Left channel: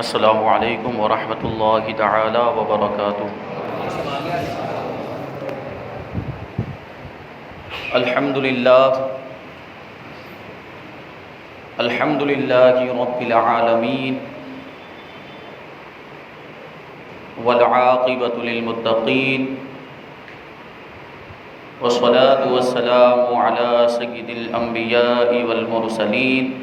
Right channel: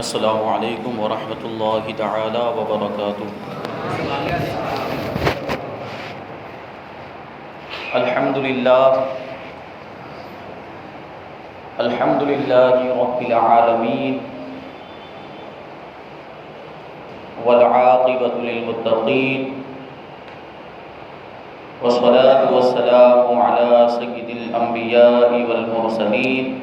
السلام علیکم ورحمۃ اللہ تعالی وبرکاتہ۔ الحمد للہ رب العالمین والعاقبۃ للمتقین والصلاة والسلام علی سید الانبیاء والمرسلین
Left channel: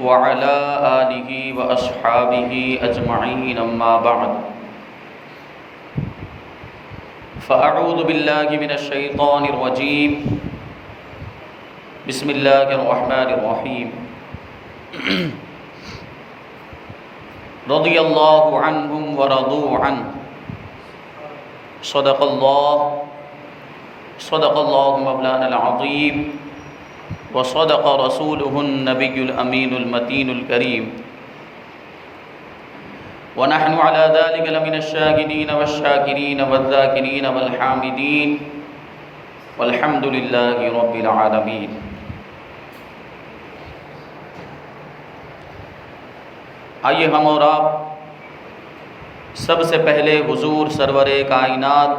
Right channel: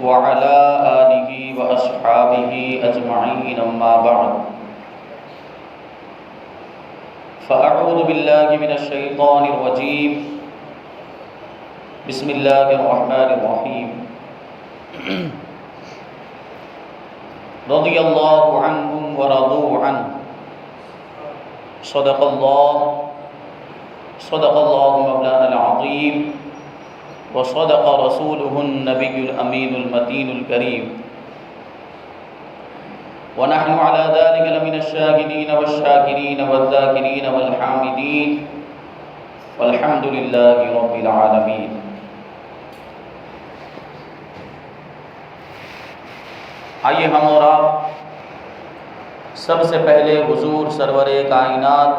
وعلى آلہ واصحابہ اجمعین، اما بعد فاعوذ باللہ من الشیطان الرجیم، بسم اللہ الرحمن الرحیم۔ رضی اللہ عنہم ورضوا عنہ، صدق اللہ مولانا العظیم، وصدق رسوله النبی الامین المتین الکریم، ونحن على ذلك لمن الشاهدين والشاكرين والذاكرين والحامدين، والحمد لله رب العالمين۔ آئیے ہم اور آپ سب سے پہلے حضور سرور کائنات،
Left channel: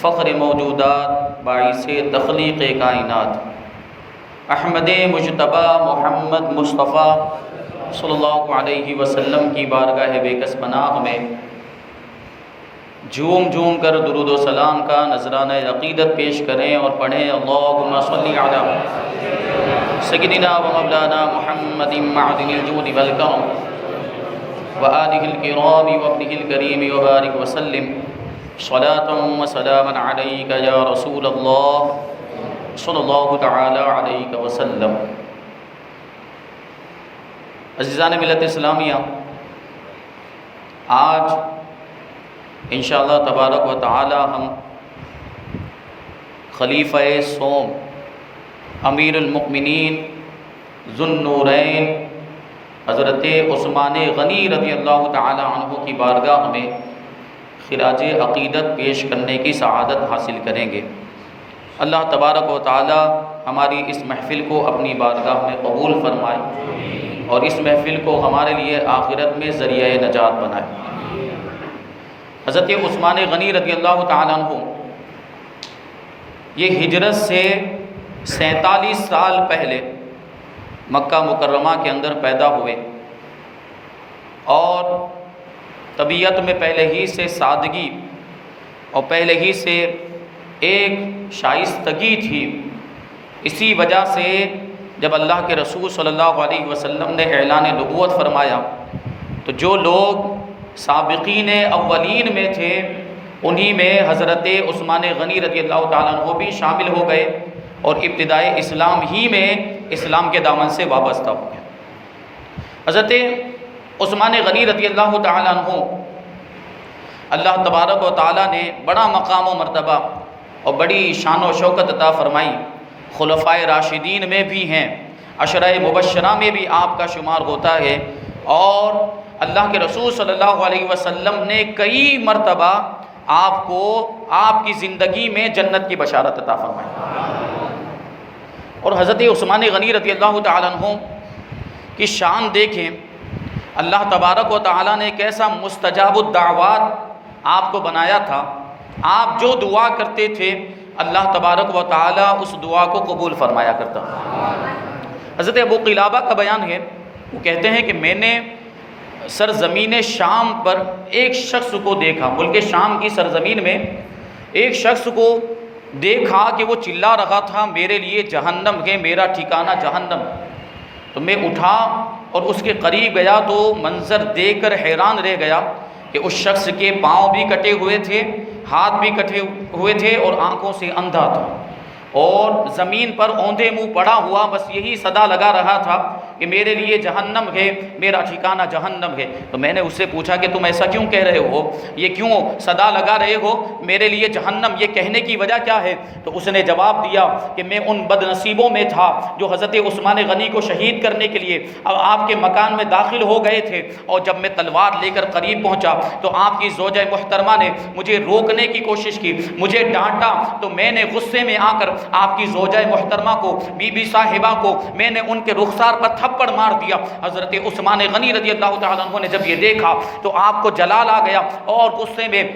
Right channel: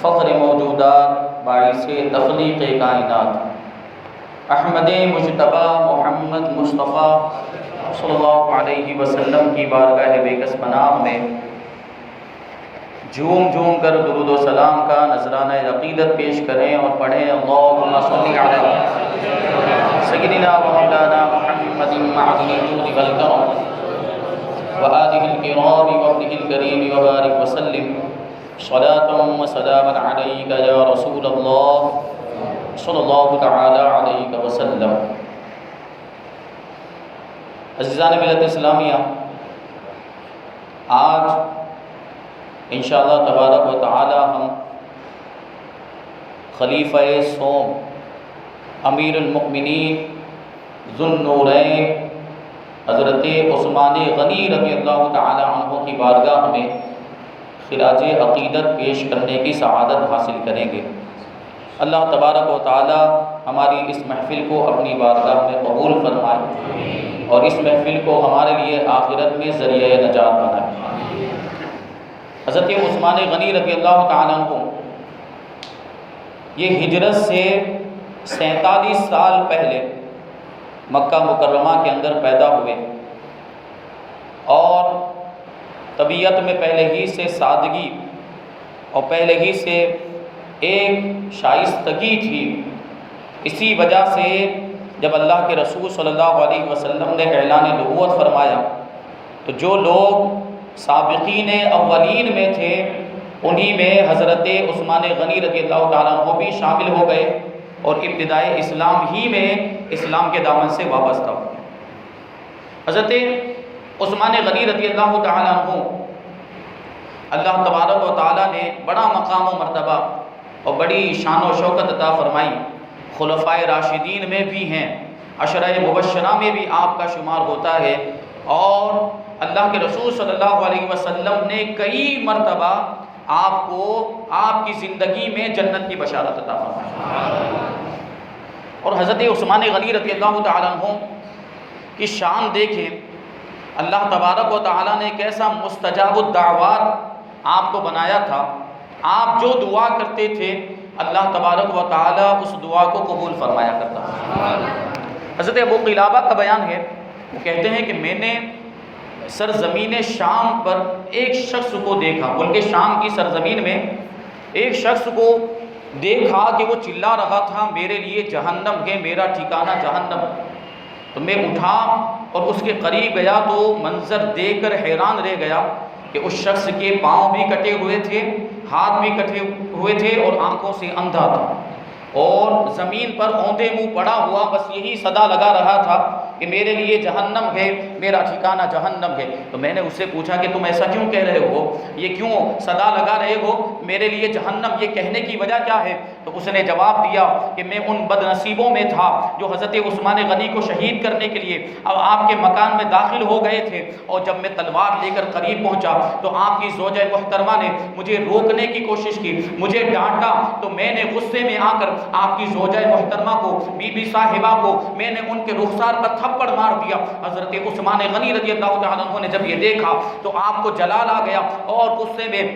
فخر موجودات، باعث تخلیق کائنات، احمد مجتبی محمد مصطفیٰ صلی اللہ علیہ وسلم کی بارگاہ بےکس پناہ میں جھوم کر درود و سلام کا نذرانہ عقیدت پیش کریں اور پڑھیں، اللہم صلی علی سیدنا و مولانا محمد معدن الجود والکرم وآلہ الکرام وابنہ الکریم وبارک وسلم صلاۃ و سلاما علیک یا رسول اللہ صلی اللہ تعالی علیہ وسلم۔ عزیزان ملت اسلامیہ، آج انشاءاللہ تبارک و تعالی ہم خلیفہ سوم، امیر المؤمنین، ذو النورین حضرت عثمان غنی رضی اللہ تعالی عنہ کی بارگاہ میں خراج عقیدت پیش کرنے کی سعادت حاصل کریں گے۔ اللہ تبارک و تعالی ہماری اس محفل کو اپنی بارگاہ میں قبول فرمائے اور اس محفل کو ہمارے لیے آخرت میں ذریعہ نجات بنائے۔ حضرت عثمان غنی رضی اللہ تعالیٰ عنہ یہ ہجرت سے 47 سال پہلے مکہ مکرمہ کے اندر پیدا ہوئے، اور طبیعت میں پہلے ہی سے سادگی اور پہلے ہی سے ایک شائستگی تھی۔ اسی وجہ سے جب اللہ کے رسول صلی اللہ علیہ وسلم نے اعلان نبوت فرمایا تو جو لوگ سابقین اولین میں تھے انہی میں حضرت عثمان غنی رضی اللہ تعالیٰ عنہ بھی شامل ہو گئے اور ابتدائی اسلام ہی میں اسلام کے دامن سے وابستہ ہو گئے۔ حضرت عثمان غنی رضی اللہ تعالیٰ عنہ اللہ تبارک و تعالیٰ نے بڑا مقام و مرتبہ اور بڑی شان و شوکت عطا فرمائی۔ خلفائے راشدین میں بھی ہیں، عشرہ مبشرہ میں بھی آپ کا شمار ہوتا ہے، اور اللہ کے رسول صلی اللہ علیہ وسلم نے کئی مرتبہ آپ کو آپ کی زندگی میں جنت کی بشارت عطا فرمائی۔ اور حضرت عثمان غنی رضی اللہ تعالیٰ عنہ کی شان دیکھیں، اللہ تبارک و تعالیٰ نے کیسا مستجاب الدعوات آپ کو بنایا تھا۔ آپ جو دعا کرتے تھے اللہ تبارک و تعالیٰ اس دعا کو قبول فرمایا کرتا تھا۔ حضرت ابو قلابہ کا بیان ہے، وہ کہتے ہیں کہ میں نے سرزمین شام پر ایک شخص کو دیکھا، ملک شام کی سرزمین میں ایک شخص کو دیکھا کہ وہ چلا رہا تھا میرے لیے جہنم ہے، میرا ٹھکانہ جہنم۔ تو میں اٹھا اور اس کے قریب گیا تو منظر دیکھ کر حیران رہ گیا کہ اس شخص کے پاؤں بھی کٹے ہوئے تھے، ہاتھ بھی کٹے ہوئے تھے اور آنکھوں سے اندھا تھا، اور زمین پر اوندے منہ پڑا ہوا بس یہی صدا لگا رہا تھا کہ میرے لیے جہنم ہے، میرا ٹھکانہ جہنم ہے۔ تو میں نے اس سے پوچھا کہ تم ایسا کیوں کہہ رہے ہو، یہ کیوں صدا لگا رہے ہو میرے لیے جہنم، یہ کہنے کی وجہ کیا ہے؟ تو اس نے جواب دیا کہ میں ان بد نصیبوں میں تھا جو حضرت عثمان غنی کو شہید کرنے کے لیے اب آپ کے مکان میں داخل ہو گئے تھے، اور جب میں تلوار لے کر قریب پہنچا تو آپ کی زوجہ محترمہ نے مجھے روکنے کی کوشش کی، مجھے ڈانٹا، تو میں نے غصے میں آ کر آپ کی زوجہ محترمہ کو، بی بی صاحبہ کو، میں نے ان کے رخسار پر تھپڑ مار دیا۔ حضرت عثمان غنی رضی اللہ تعالیٰ عنہ نے جب یہ دیکھا تو آپ کو جلال آ گیا اور غصے میں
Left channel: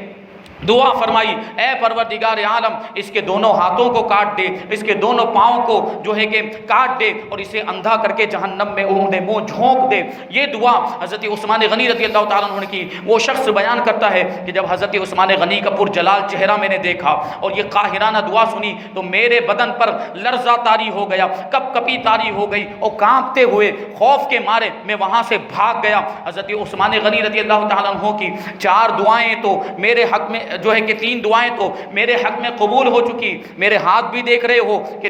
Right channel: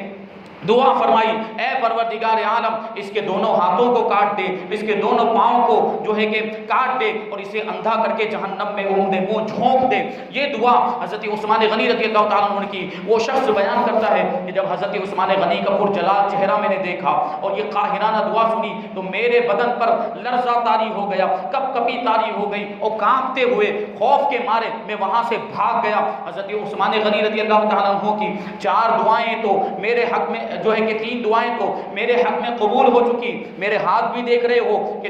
دعا فرمائی، اے پروردگار عالم اس کے دونوں ہاتھوں کو کاٹ دے، اس کے دونوں پاؤں کو جو ہے کہ کاٹ دے اور اسے اندھا کر کے جہنم میں عمدے منہ جھونک دے۔ یہ دعا حضرت عثمان غنی رضی اللہ تعالیٰ عنہ نے کی۔ وہ شخص بیان کرتا ہے کہ جب حضرت عثمان غنی کا پرجلال چہرہ میں نے دیکھا اور یہ قاہرانہ دعا سنی تو میرے بدن پر لرزہ طاری ہو گیا، کپ کپی طاری ہو گئی اور کانپتے ہوئے خوف کے مارے میں وہاں سے بھاگ گیا۔ حضرت عثمان غنی رضی اللہ تعالیٰ عنہ کی 4 دعائیں تو میرے حق میں جو ہے کہ 3 دعائیں تو میرے حق میں قبول ہو چکی، میرے ہاتھ بھی دیکھ رہے ہو کہ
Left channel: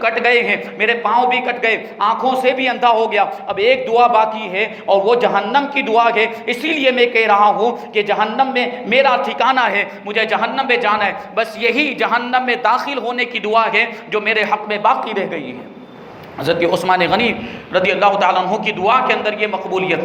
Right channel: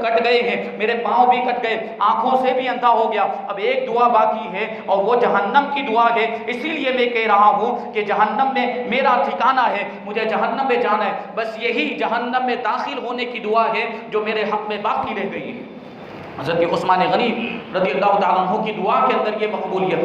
کٹ گئے ہیں، میرے پاؤں بھی کٹ گئے، آنکھوں سے بھی اندھا ہو گیا، اب ایک دعا باقی ہے اور وہ جہنم کی دعا ہے۔ اسی لیے میں کہہ رہا ہوں کہ جہنم میں میرا ٹھکانہ ہے، مجھے جہنم میں جانا ہے، بس یہی جہنم میں داخل ہونے کی دعا ہے جو میرے حق میں باقی رہ گئی ہے۔ حضرت عثمان غنی رضی اللہ تعالیٰ عنہ کی دعا کے اندر یہ مقبولیت،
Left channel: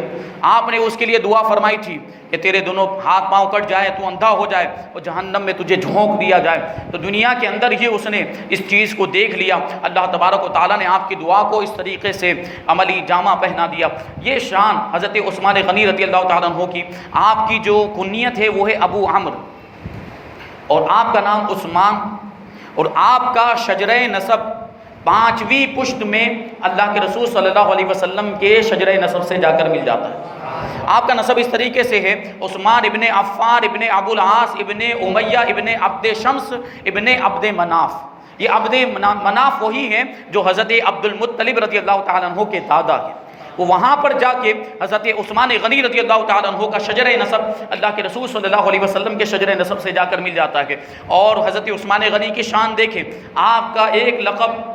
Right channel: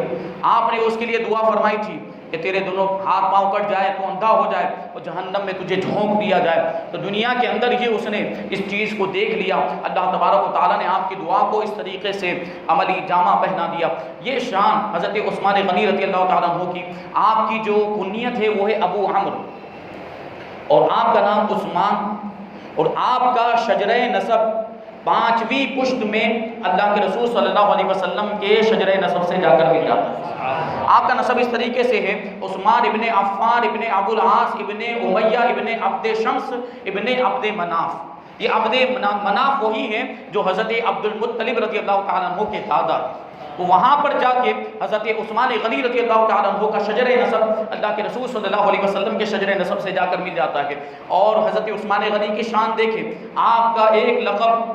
آپ نے اس کے لیے دعا فرمائی تھی کہ تیرے دونوں ہاتھ پاؤں کٹ جائے، تو اندھا ہو جائے اور جہنم میں تجھے جھونک دیا جائے۔ تو دنیا کے اندر ہی اس نے اس چیز کو دیکھ لیا، اللہ تبارک و تعالیٰ نے آپ کی دعا کو اس طریقے سے عملی جامہ پہنا دیا۔ یہ شان حضرت عثمان غنی رضی اللہ تعالیٰ عنہ کی، آپ کی جو کنیت ہے وہ ہے ابو عمرو اور آپ کا نام عثمان اور آپ کا شجرہ نسب 5ویں پشت میں اللہ کے رسول صلی اللہ علیہ وسلم کے شجرہ نسب سے جا کر مل جاتا ہے۔ آپ کا نسب اس طریقے سے ہے، عثمان ابن عفان ابن ابو العاص ابن امیہ ابن عبد شمس ابن عبد مناف۔ یہ عبد مناف وہی ہے جو حضرت عبد المطلب رضی اللہ تعالیٰ عنہ کے دادا ہے۔ وہ وہاں پر جا کے حضرت عثمان غنی رضی اللہ تعالیٰ عنہ کا شجرہ نسب اللہ کے رسول صلی اللہ علیہ وسلم کے شجرہ نسب سے جا کر مل جاتا ہے۔ اور حضرت عثمان غنی کی شان دیکھیں، آپ کا ایک لقب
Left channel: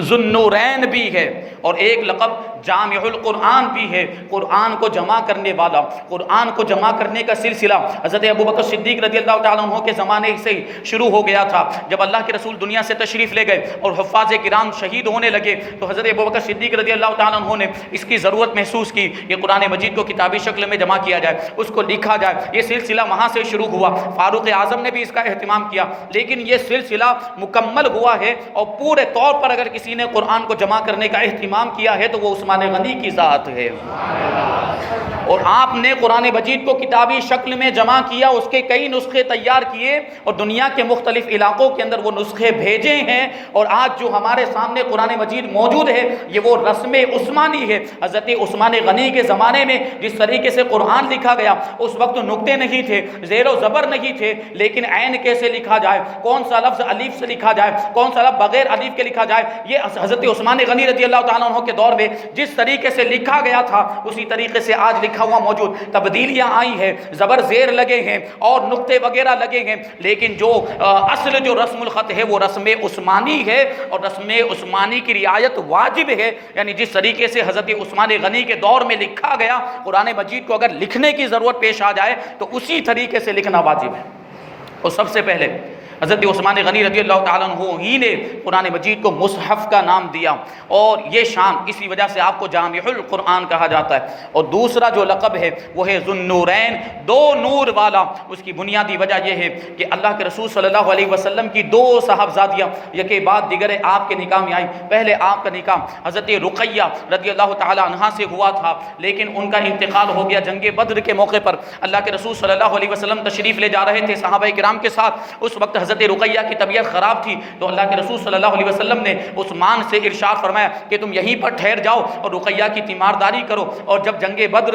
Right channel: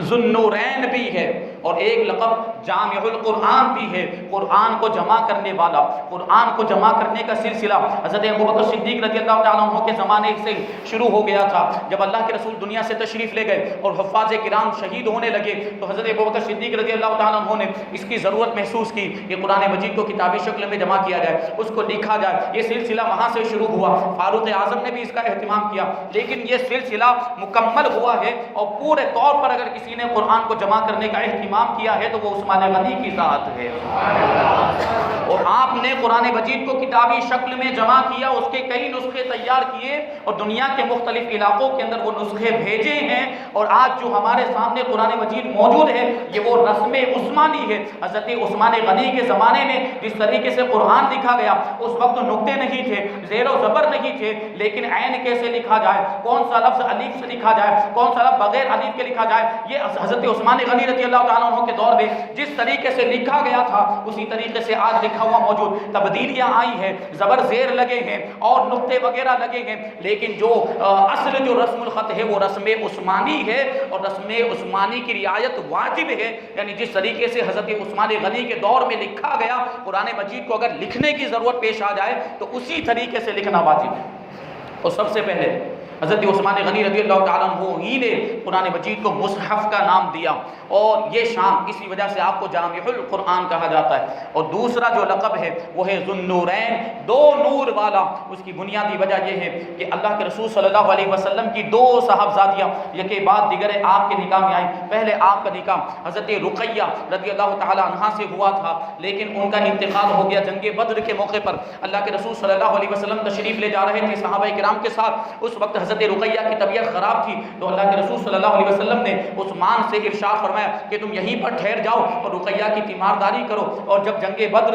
ذو النورین بھی ہے اور ایک لقب جامع القرآن بھی ہے، قرآن کو جمع کرنے والا۔ قرآن کو جمع کرنے کا سلسلہ حضرت ابوبکر صدیق رضی اللہ تعالیٰ عنہ کے زمانے سے شروع ہو گیا تھا۔ جب اللہ کے رسول دنیا سے تشریف لے گئے اور حفاظ کرام شہید ہونے لگے تو حضرت ابوبکر صدیق رضی اللہ تعالیٰ عنہ نے اس کی ضرورت محسوس کی کہ قرآن مجید کو کتابی شکل میں جمع کیا جائے، اس کو لکھا جائے۔ یہ سلسلہ وہاں سے شروع ہوا، فاروق اعظم نے بھی اس کا اہتمام کیا، لیکن یہ سلسلہ مکمل ہوا ہے اور پورے طور پر اگر کسی نے قرآن کو جمع کرنے کا اہتمام کیا ہے تو وہ عثمان غنی کی ذات ہے۔ اور آپ نے قرآن مجید کو کتابی شکل میں جمع کیا، اس کے کئی نسخے تیار کیے اور دنیا کے مختلف علاقوں کے اندر وہ نسخے بھیجے ہیں، اور آج جو ہمارے سامنے قرآن مجید موجود ہے یہ وہ رسم عثمانی ہے۔ حضرت عثمان غنی کے زمانے میں جس طریقے سے قرآن لکھا گیا، اس وقت نقطے نہیں تھے، زیر و زبر نہیں تھے، لیکن عین کیسے لکھا جائے، کون سا لفظ الف سے لکھا جائے، کون سا لفظ بغیر الف کے لکھا جائے، یہ حضرت عثمان غنی رضی اللہ تعالیٰ عنہ کے دور میں جس طریقے سے لکھا گیا تھا اسی طریقے سے آج لکھا ہوا موجود۔ تبدیلیاں آئی ہیں، زبر زیر لگے ہیں اور نقطے وغیرہ لگے ہیں، لیکن جو اصل جو رسم الخط ہے وہ رسم عثمانی ہے، اور رسم عثمانی کی رعایت واجب ہے۔ یعنی جس طریقے سے حضرت عثمان غنی کے دور میں لکھا گیا، قرآن مجید کو اگر لکھنے کی ضرورت پیش آ جائے تو اسی طریقے سے لکھنا واجب ہے۔ اور سب سے پہلے حضرت عثمان غنی رضی اللہ تعالیٰ عنہ ہی نے قرآن مجید کو مصحف کا نام دیا، اور یہ شان اسی وجہ سے آپ کو جامع القرآن کہا جاتا ہے۔ اور دوسرا جو لقب ہے وہ ہے ذو النورین، 2 نور والا۔ اس کی بنیادی وجہ یہ ہے کہ اللہ کے رسول صلی اللہ علیہ وسلم کی 2 صاحبزادیاں یکے بعد دیگر آپ کے نکاح میں آئیں۔ پہلے آپ کا نکاح حضرت رقیہ رضی اللہ تعالیٰ عنہا سے ہوا تھا، لیکن ان کا انتقال ہو گیا جنگ بدر کے موقع پر۔ اللہ کے رسول صلی اللہ علیہ وسلم تشریف لے جا رہے تھے صحابہ کرام کے ساتھ، اس وقت حضرت رقیہ کی طبیعت خراب تھی، تو اللہ کے رسول صلی اللہ علیہ وسلم نے عثمان سے ارشاد فرمایا کہ تم یہیں پر ٹھہر جاؤ اور رقیہ کی تیمارداری کرو۔ اور جب جنگ بدر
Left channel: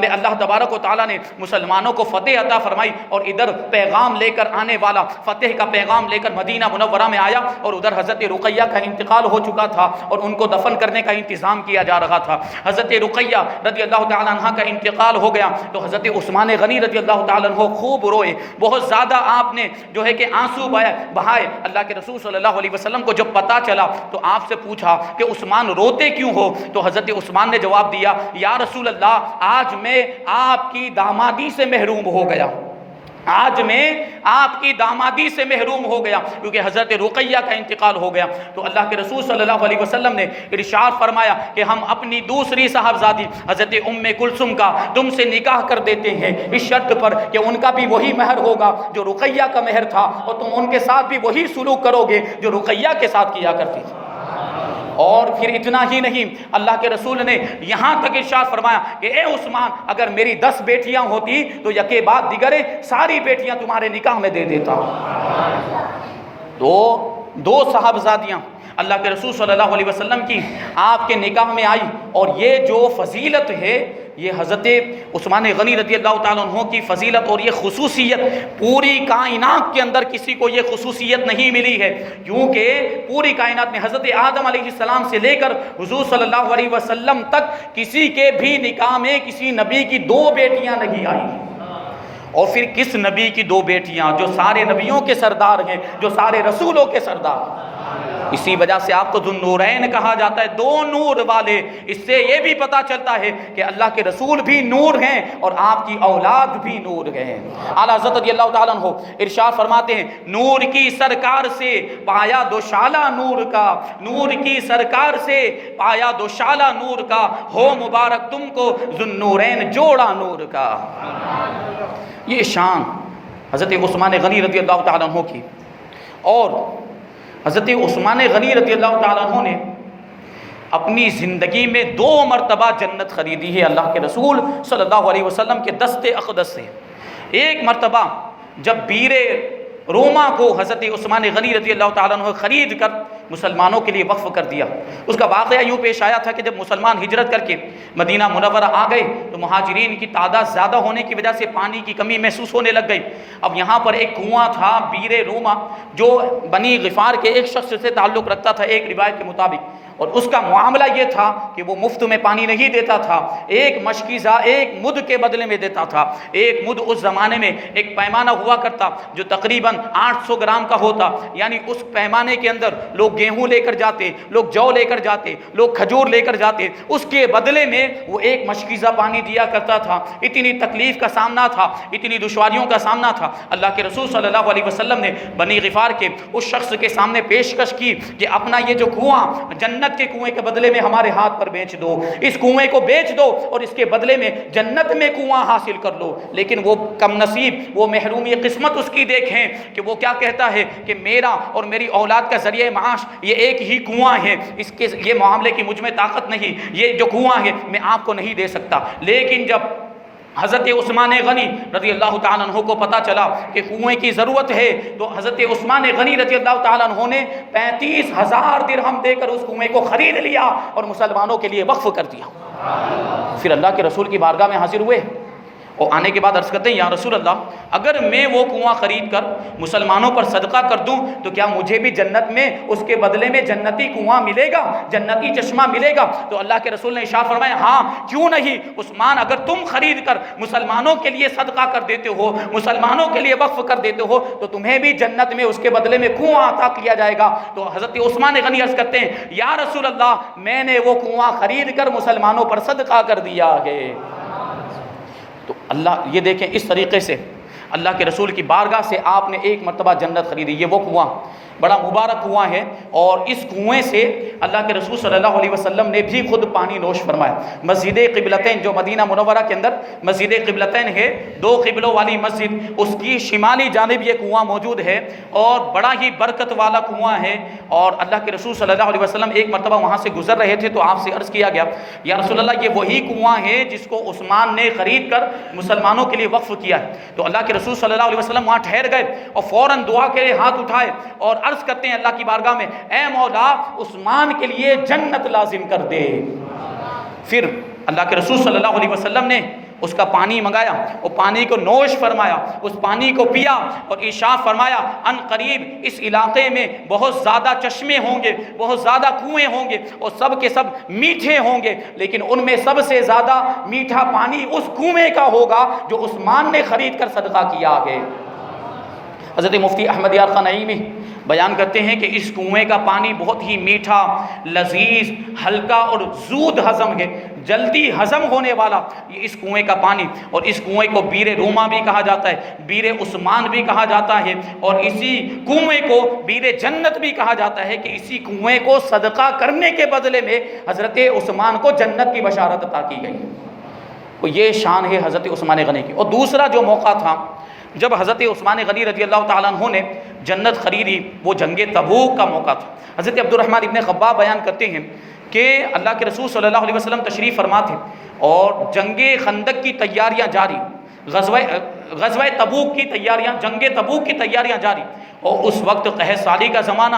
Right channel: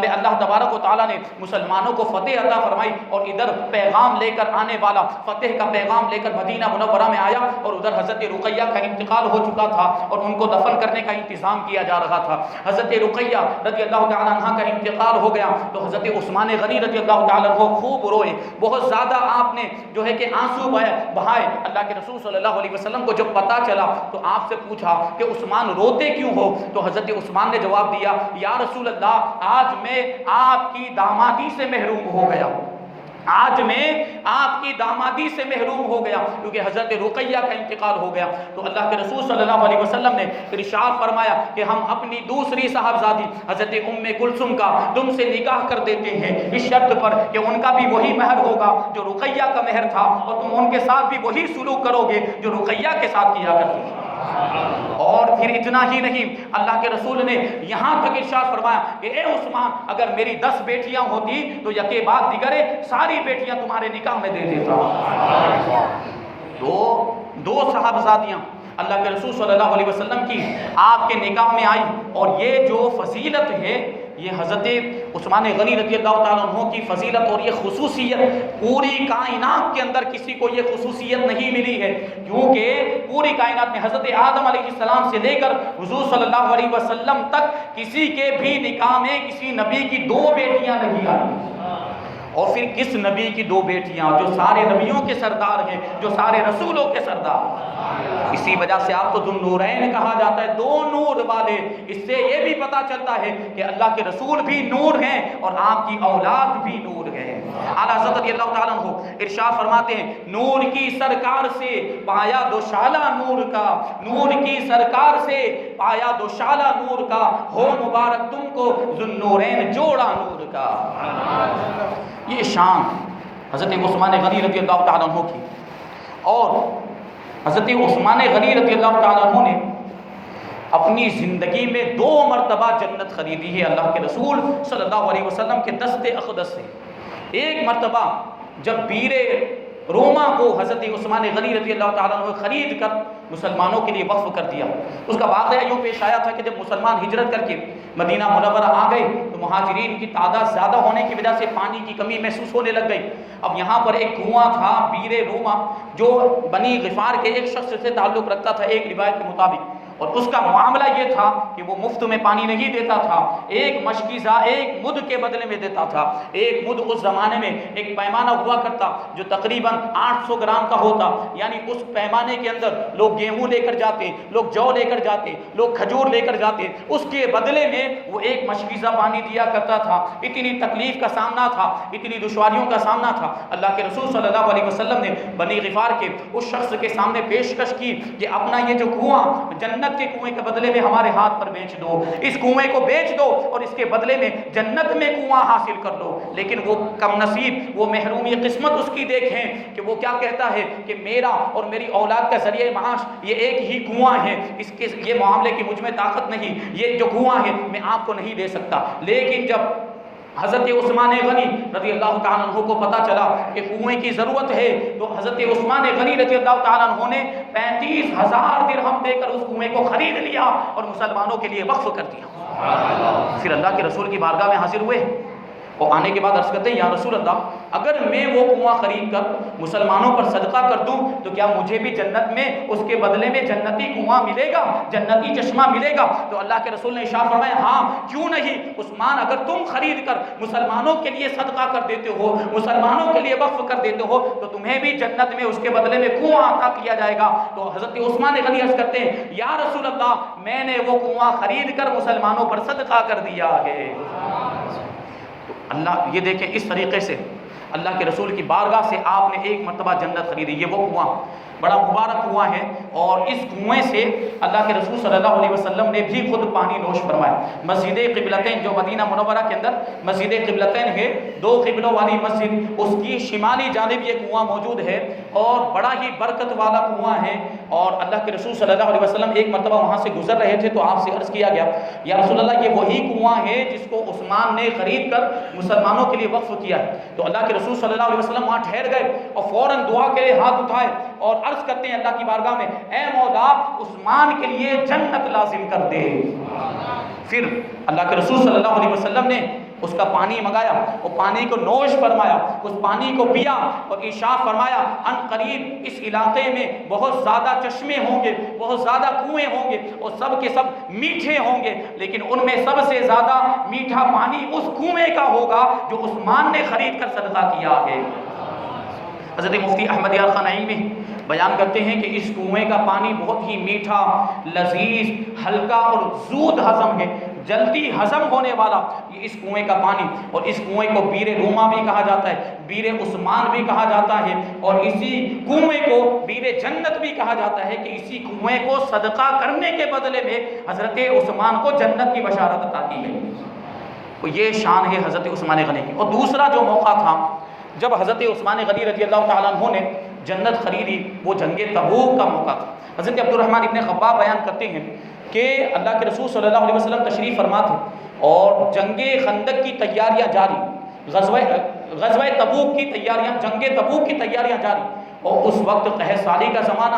میں اللہ تبارک و تعالیٰ نے مسلمانوں کو فتح عطا فرمائی اور ادھر پیغام لے کر آنے والا فتح کا پیغام لے کر مدینہ منورہ میں آیا، اور ادھر حضرت رقیہ کا انتقال ہو چکا تھا اور ان کو دفن کرنے کا انتظام کیا جا رہا تھا۔ حضرت رقیہ رضی اللہ تعالیٰ عنہ کا انتقال ہو گیا تو حضرت عثمان غنی رضی اللہ تعالیٰ عنہ خوب روئے، بہت زیادہ آپ نے جو ہے کہ آنسو بہائے۔ اللہ کے رسول صلی اللہ علیہ وسلم کو جب پتہ چلا تو آپ سے پوچھا کہ عثمان روتے کیوں ہو؟ تو حضرت عثمان نے جواب دیا، یا رسول اللہ، آج میں آپ کی دامادی سے محروم ہو گیا، آج میں آپ کی دامادی سے محروم ہو گیا کیونکہ حضرت رقیہ کا انتقال ہو گیا۔ تو اللہ کے رسول صلی اللہ علیہ وسلم نے ارشاد فرمایا کہ ہم اپنی دوسری صاحبزادی حضرت ام کلثوم کا تم سے نکاح کر دیتے ہیں، اس شرط پر کہ ان کا بھی وہی مہر ہوگا جو رقیہ کا مہر تھا، اور تم ان کے ساتھ بھی وہی سلوک کرو گے جو رقیہ کے ساتھ کیا کرتی تھی۔ اور پھر اتنا ہی نہیں، اللہ کے رسول نے یہاں تک ارشاد فرمایا کہ اے عثمان، اگر میری 10 بیٹیاں ہوتی تو یکے بعد دیگرے ساری بیٹیاں تمہارے نکاح میں دے دیتا۔ دو صاحبزادیاں اللہ کے رسول صلی اللہ علیہ وسلم کی آپ کے نکاح میں آئی، اور یہ جو فضیلت ہے یہ حضرت عثمان غنی رضی اللہ تعالیٰ عنہ کی فضیلت اور یہ خصوصیت پوری کائنات کے اندر کسی کو یہ خصوصیت نہیں ملی ہے، کیونکہ پوری کائنات میں حضرت آدم علیہ السلام سے لے کر حضور صلی اللہ علیہ وسلم تک کسی کے بھی نکاح میں کسی نبی کی 2 بیٹیاں نہیں آئی۔ اور پھر کس نبی کی 2 بیٹیاں جو سارے نبیوں کے سردار ہیں، جو سارے رسولوں کے سردار۔ اسی وجہ سے آپ کو ذو النورین کہا جاتا ہے، 2 نور والے۔ اس سے یہ بھی پتا چلتا ہے کہ اللہ کے رسول بھی نور ہیں اور آپ کی اولاد بھی نور ہے۔ اعلیٰ حضرت رضی اللہ تعالیٰ عنہ ارشاد فرماتے ہیں، نور کی سرکار سے پایا دوشالہ نور کا، نور کی سرکار سے پایا دوشالہ نور کا، ہو مبارک تم کو ذو النورین جوڑا نور کا۔ یہ شان حضرت عثمان غنی رضی اللہ تعالیٰ عنہ کی۔ اور حضرت عثمان غنی رضی اللہ تعالیٰ عنہ نے اپنی زندگی میں 2 مرتبہ جنت خریدی ہے اللہ کے رسول صلی اللہ علیہ وسلم کے دست اقدس سے۔ ایک مرتبہ جب بیر روما کو حضرت عثمان غنی رضی اللہ تعالیٰ عنہ خرید کر مسلمانوں کے لیے وقف کر دیا، اس کا واقعہ یوں پیش آیا تھا کہ جب مسلمان ہجرت کر کے مدینہ منورہ آ گئے تو مہاجرین کی تعداد زیادہ ہونے کی وجہ سے پانی کی کمی محسوس ہونے لگ گئی۔ اب یہاں پر ایک کنواں تھا بیر روما جو بنی غفار کے ایک شخص سے تعلق رکھتا تھا ایک روایت کے مطابق، اور اس کا معاملہ یہ تھا کہ وہ مفت میں پانی نہیں دیتا تھا، ایک مشکیزہ ایک مد کے بدلے میں دیتا تھا۔ ایک مد اس زمانے میں ایک پیمانہ ہوا کرتا جو تقریباً 800 گرام کا ہوتا، یعنی اس پیمانے کے اندر لوگ گیہوں لے کر جاتے، لوگ جو لے کر جاتے، لوگ کھجور لے کر جاتے، اس کے بدلے میں وہ ایک مشکیزہ پانی دیا کرتا تھا۔ اتنی تکلیف کا سامنا تھا، اتنی دشواریوں کا سامنا تھا، اللہ کے رسول صلی اللہ علیہ وسلم نے بنی غفار کے اس شخص کے سامنے پیشکش کی کہ اپنا یہ جو کنواں جنت کے کنویں کے بدلے میں ہمارے ہاتھ پر بیچ دو، اس کنویں کو بیچ دو اور اس کے بدلے میں جنت میں کنواں حاصل کر لو۔ لیکن وہ کم نصیب، وہ محرومی قسمت اس کی دیکھیں کہ وہ کیا کہتا ہے کہ میرا اور میری اولاد کا ذریعہ معاش یہ ایک ہی کنواں ہے، اس کے یہ معاملے کی مجھ میں طاقت نہیں، یہ جو کنواں ہے میں آپ کو نہیں دے سکتا۔ لیکن جب حضرت عثمان غنی رضی اللہ تعالیٰ عنہ کو پتا چلا کہ کنویں کی ضرورت ہے تو حضرت عثمان غنی رضی اللہ تعالیٰ عنہ نے 35,000 درہم دے کر اس کنویں کو خرید لیا اور مسلمانوں کے لیے وقف کر دیا۔ پھر اللہ کے رسول کی بارگاہ میں حاضر ہوئے اور آنے کے بعد عرض کرتے ہیں، یا رسول اللہ، اگر میں وہ کنواں خرید کر مسلمانوں پر صدقہ کر دوں تو کیا مجھے بھی جنت میں اس کے بدلے میں جنتی کنواں ملے گا، جنتی چشمہ ملے گا؟ تو اللہ کے رسول نے ارشاد فرمایا، ہاں کیوں نہیں عثمان، اگر تم خرید کر مسلمانوں کے لیے صدقہ کر دیتے ہو، مسلمانوں کے لیے وقف کر دیتے ہو تو تمہیں بھی جنت میں اس کے بدلے میں کنواں عطا کیا جائے گا۔ تو حضرت عثمان غنی عرض کرتے ہیں، یا رسول اللہ، میں نے وہ کنواں خرید کر مسلمانوں پر صدقہ کر دیا ہے۔ تو اللہ یہ دیکھیں، اس طریقے سے اللہ کے رسول کی بارگاہ سے آپ نے ایک مرتبہ جنت خریدی۔ یہ وہ کنواں بڑا مبارک کنواں ہے، اور اس کنویں سے اللہ کے رسول صلی اللہ علیہ وسلم نے بھی خود پانی نوش فرمایا۔ مسجد قبلتین جو مدینہ منورہ کے اندر مسجد قبلتین ہے، 2 قبلوں والی مسجد، اس کی شمالی جانب یہ کنواں موجود ہے اور بڑا ہی برکت والا کنواں ہے۔ اور اللہ کے رسول صلی اللہ علیہ وسلم ایک مرتبہ وہاں سے گزر رہے تھے تو آپ سے عرض کیا گیا، یا رسول اللہ، یہ وہی کنواں ہے جس کو عثمان نے خرید کر مسلمانوں کے لیے وقف کیا ہے۔ تو اللہ کے رسول صلی اللہ علیہ وسلم وہاں ٹھہر گئے اور فوراً دعا کے لیے ہاتھ اٹھائے اور عرض کرتے ہیں اللہ کی بارگاہ میں، اے مولا، عثمان کے لیے جنت لازم کر دے۔ پھر اللہ کے رسول صلی اللہ علیہ وسلم نے اس کا پانی منگایا، وہ پانی کو نوش فرمایا، اس پانی کو پیا اور ارشاد فرمایا، ان قریب اس علاقے میں بہت زیادہ چشمے ہوں گے، بہت زیادہ کنویں ہوں گے اور سب کے سب میٹھے ہوں گے، لیکن ان میں سب سے زیادہ میٹھا پانی اس کنویں کا ہوگا جو عثمان نے خرید کر صدقہ کیا ہے۔ حضرت مفتی احمد یار خان نعیمی بیان کرتے ہیں کہ اس کنویں کا پانی بہت ہی میٹھا، لذیذ، ہلکا اور زود ہضم ہے، جلدی ہضم ہونے والا یہ اس کنویں کا پانی۔ اور اس کنویں کو بیر روما بھی کہا جاتا ہے، بیر عثمان بھی کہا جاتا ہے، اور اسی کنویں کو بیر جنت بھی کہا جاتا ہے کہ اسی کنویں کو صدقہ کرنے کے بدلے میں حضرت عثمان کو جنت کی بشارت عطا کی گئی۔ تو یہ شان ہے حضرت عثمان غنی کی۔ اور دوسرا جو موقع تھا جب حضرت عثمان غنی رضی اللہ تعالیٰ عنہ نے جنت خریدی وہ جنگ تبوک کا موقع تھا۔ حضرت عبد الرحمن ابن خباب بیان کرتے ہیں کہ اللہ کے رسول صلی اللہ علیہ وسلم تشریف فرما تھے اور جنگ خندق کی تیاریاں جاری، غزوہ تبوک کی تیاریاں، جنگ تبوک کی تیاریاں جاری، اور اس وقت قحط سالی کا زمانہ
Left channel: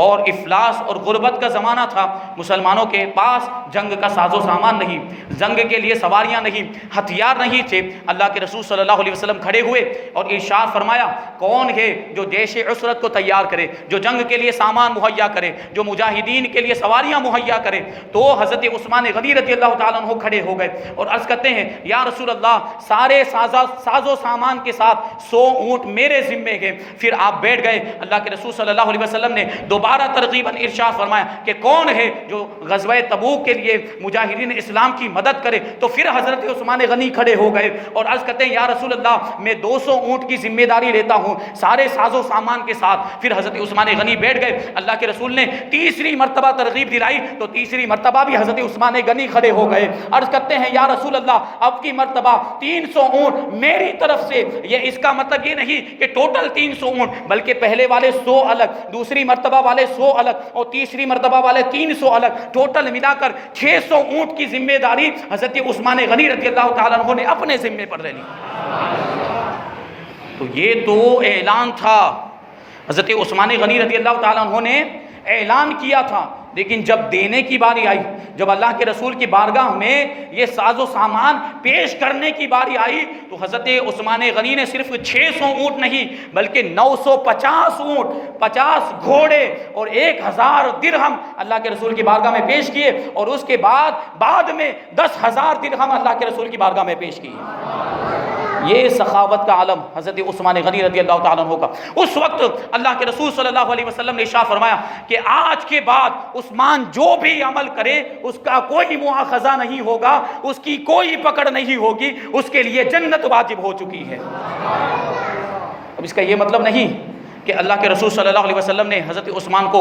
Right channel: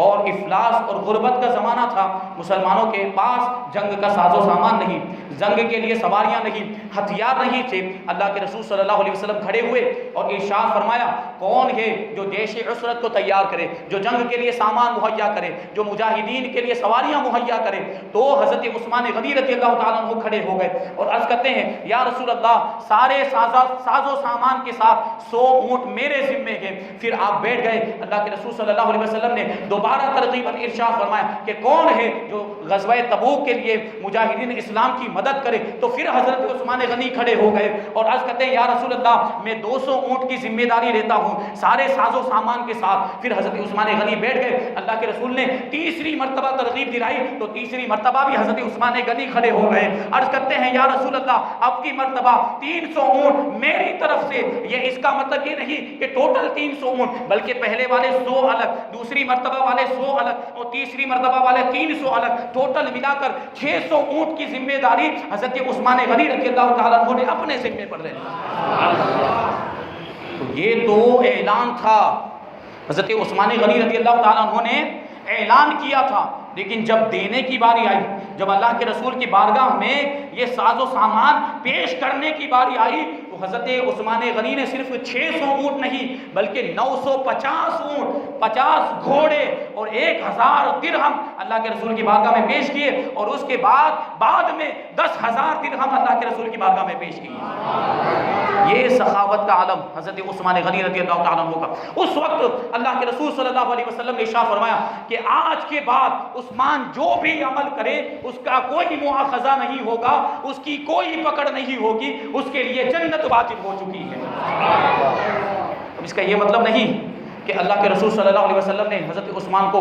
اور افلاس اور غربت کا زمانہ تھا۔ مسلمانوں کے پاس جنگ کا ساز و سامان نہیں، جنگ کے لیے سواریاں نہیں، ہتھیار نہیں تھے۔ اللہ کے رسول صلی اللہ علیہ وسلم کھڑے ہوئے اور ارشاد فرمایا کون ہے جو جیش عسرت کو تیار کرے، جو جنگ کے لیے سامان مہیا کرے، جو مجاہدین کے لیے سواریاں مہیا کرے؟ تو حضرت عثمان غنی رضی اللہ تعالیٰ عنہ کھڑے ہو گئے اور عرض کرتے ہیں یا رسول اللہ سارے ساز و سامان کے ساتھ 100 اونٹ میرے ذمے ہیں۔ پھر آپ بیٹھ گئے۔ اللہ کے رسول صلی اللہ علیہ وسلم نے دوبارہ ترغیباً ارشاد فرمایا کہ کون ہے جو غزوہ تبوک کے لیے مجاہدین اسلام کی مدد کرے؟ تو پھر حضرت عثمان غنی کھڑے ہو گئے اور عرض کرتے ہیں یا رسول اللہ میں 200 اونٹ کی ذمہ داری لیتا ہوں سارے ساز و سامان کے ساتھ۔ پھر حضرت عثمان غنی بیٹھ گئے۔ اللہ کے رسول نے تیسری مرتبہ ترغیب دلائی تو تیسری مرتبہ بھی حضرت عثمان غنی کھڑے ہو گئے۔ عرض کرتے ہیں یا رسول اللہ اب کی مرتبہ 300 اونٹ میری طرف سے۔ یہ اس کا مطلب یہ نہیں کہ ٹوٹل 300 اونٹ، بلکہ پہلے والے 100 الگ، دوسری مرتبہ والے 100 الگ اور تیسری مرتبہ والے 300 الگ، ٹوٹل ملا کر 600 اونٹ کی ذمہ داری حضرت عثمان غنی رضی اللہ تعالیٰ عنہ نے اپنے ذمے پر لے لی۔ تو یہ تو اعلان تھا، حضرت عثمان غنی رضی اللہ تعالیٰ عنہ نے اعلان کیا تھا، لیکن جب دینے کی باری آئی، جب اللہ کے رسول کی بارگاہ میں یہ ساز و سامان پیش کرنے کی باری آئی تو حضرت عثمان غنی نے صرف 600 اونٹ نہیں بلکہ 950 اونٹ، 50 گھوڑے اور 1000 درہم اللہ کے رسول کی بارگاہ میں پیش کیے، اور اس کے بعد میں 10,000 درہم اللہ کے رسول کی بارگاہ میں پیش کیے۔ یہ سخاوت کا عالم حضرت عثمان غنی رضی اللہ تعالیٰ عنہ کا۔ اس وقت اللہ کے رسول صلی اللہ علیہ وسلم نے ارشاد فرمایا کہ آج کے بعد عثمان جو بھی عمل کرے اس کا کوئی مواخذہ نہیں ہوگا، اس کی کوئی پکڑ نہیں ہوگی، اس کے لیے جنت واجب ہو چکی ہے۔ اب اس کا یہ مطلب نہیں کہ اللہ کے رسول صلی اللہ علیہ وسلم نے حضرت عثمان کو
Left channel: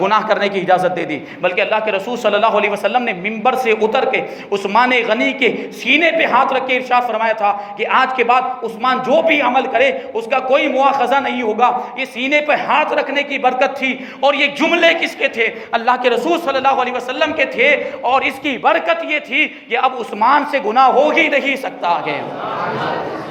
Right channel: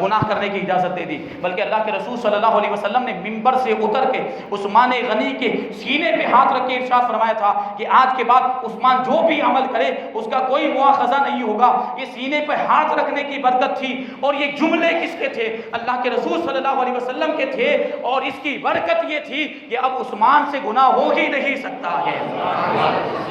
گناہ کرنے کی اجازت دے دی، بلکہ اللہ کے رسول صلی اللہ علیہ وسلم نے منبر سے اتر کے عثمان غنی کے سینے پہ ہاتھ رکھ کے ارشاد فرمایا تھا کہ آج کے بعد عثمان جو بھی عمل کرے اس کا کوئی مواخذہ نہیں ہوگا۔ یہ سینے پہ ہاتھ رکھنے کی برکت تھی، اور یہ جملے کس کے تھے؟ اللہ کے رسول صلی اللہ علیہ وسلم کے تھے، اور اس کی برکت یہ تھی کہ اب عثمان سے گناہ ہو ہی نہیں سکتا ہے،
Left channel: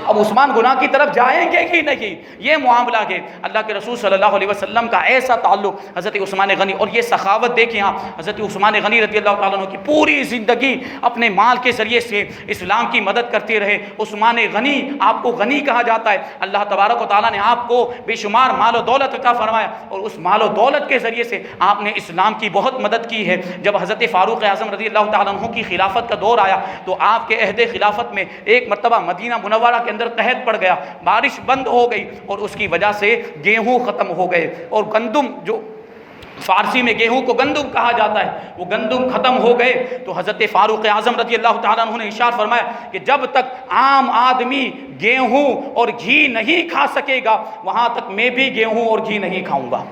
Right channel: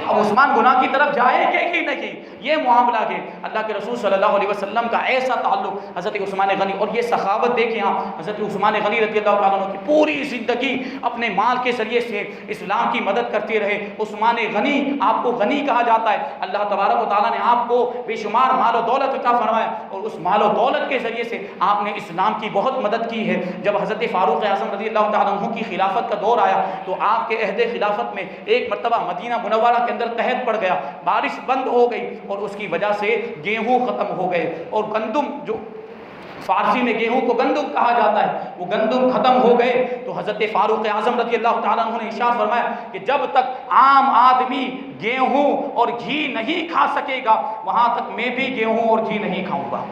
اب عثمان گناہ کی طرف جائیں گے ہی نہیں۔ یہ معاملہ ہے اللہ کے رسول صلی اللہ علیہ وسلم کا ایسا تعلق حضرت عثمان غنی، اور یہ سخاوت دیکھیں آپ، حضرت عثمان غنی رضی اللہ تعالیٰ عنہ کی پوری زندگی اپنے مال کے ذریعے سے اسلام کی مدد کرتے رہے۔ عثمان غنی، آپ کو غنی کہا جاتا ہے، اللہ تبارک و تعالیٰ نے آپ کو بے شمار مال و دولت عطا فرمایا، اور اس مال و دولت کے ذریعے سے آپ نے اسلام کی بہت مدد کی ہے۔ جب حضرت فاروق اعظم رضی اللہ تعالیٰ عنہ کی خلافت کا دور آیا تو آپ کے عہد خلافت میں ایک مرتبہ مدینہ منورہ کے اندر قحط پڑ گیا، بارش بند ہو گئی، اور اس کی وجہ سے گیہوں ختم ہو گئے، اور گندم، جو فارسی میں گیہوں کو گندم کہا جاتا ہے، وہ گندم ختم ہو گئے۔ تو حضرت فاروق اعظم رضی اللہ تعالیٰ عنہ نے ارشاد فرمایا کہ جب تک عام آدمی گیہوں اور گھی نہیں کھا سکے گا وہاں تک میں بھی گیہوں اور گھی نہیں کھاؤں گا۔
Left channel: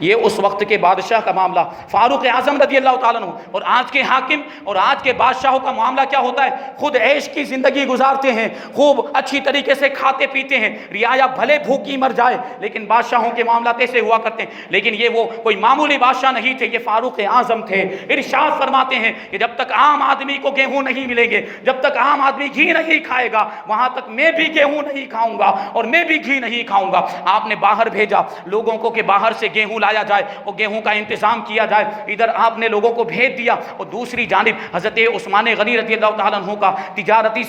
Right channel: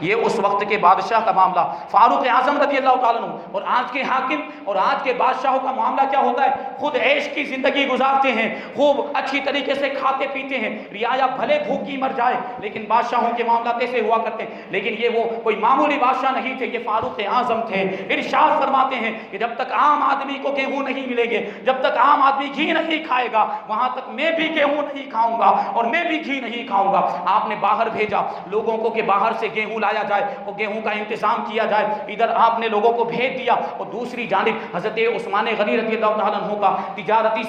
یہ اس وقت کے بادشاہ کا معاملہ، فاروق اعظم رضی اللہ تعالیٰ عنہ، اور آج کے حاکم اور آج کے بادشاہوں کا معاملہ کیا ہوتا ہے؟ خود عیش کی زندگی گزارتے ہیں، خوب اچھی طریقے سے کھاتے پیتے ہیں، رعایا بھلے بھوکی مر جائے، لیکن بادشاہوں کے معاملات ایسے ہوا کرتے ہیں۔ لیکن یہ وہ کوئی معمولی بادشاہ نہیں تھے، یہ فاروق اعظم تھے۔ ارشاد فرماتے ہیں کہ جب تک عام آدمی کو گیہوں نہیں ملیں گے، جب تک عام آدمی گھی نہیں کھائے گا وہاں تک میں بھی گیہوں نہیں کھاؤں گا اور میں بھی گھی نہیں کھاؤں گا۔ آپ نے باہر بھیجا لوگوں کو کہ باہر سے گیہوں لایا جائے اور گیہوں کا انتظام کیا جائے، ادھر آپ نے لوگوں کو بھیج دیا، اور دوسری جانب حضرت عثمان غنی رضی اللہ تعالیٰ عنہ کا تجارتی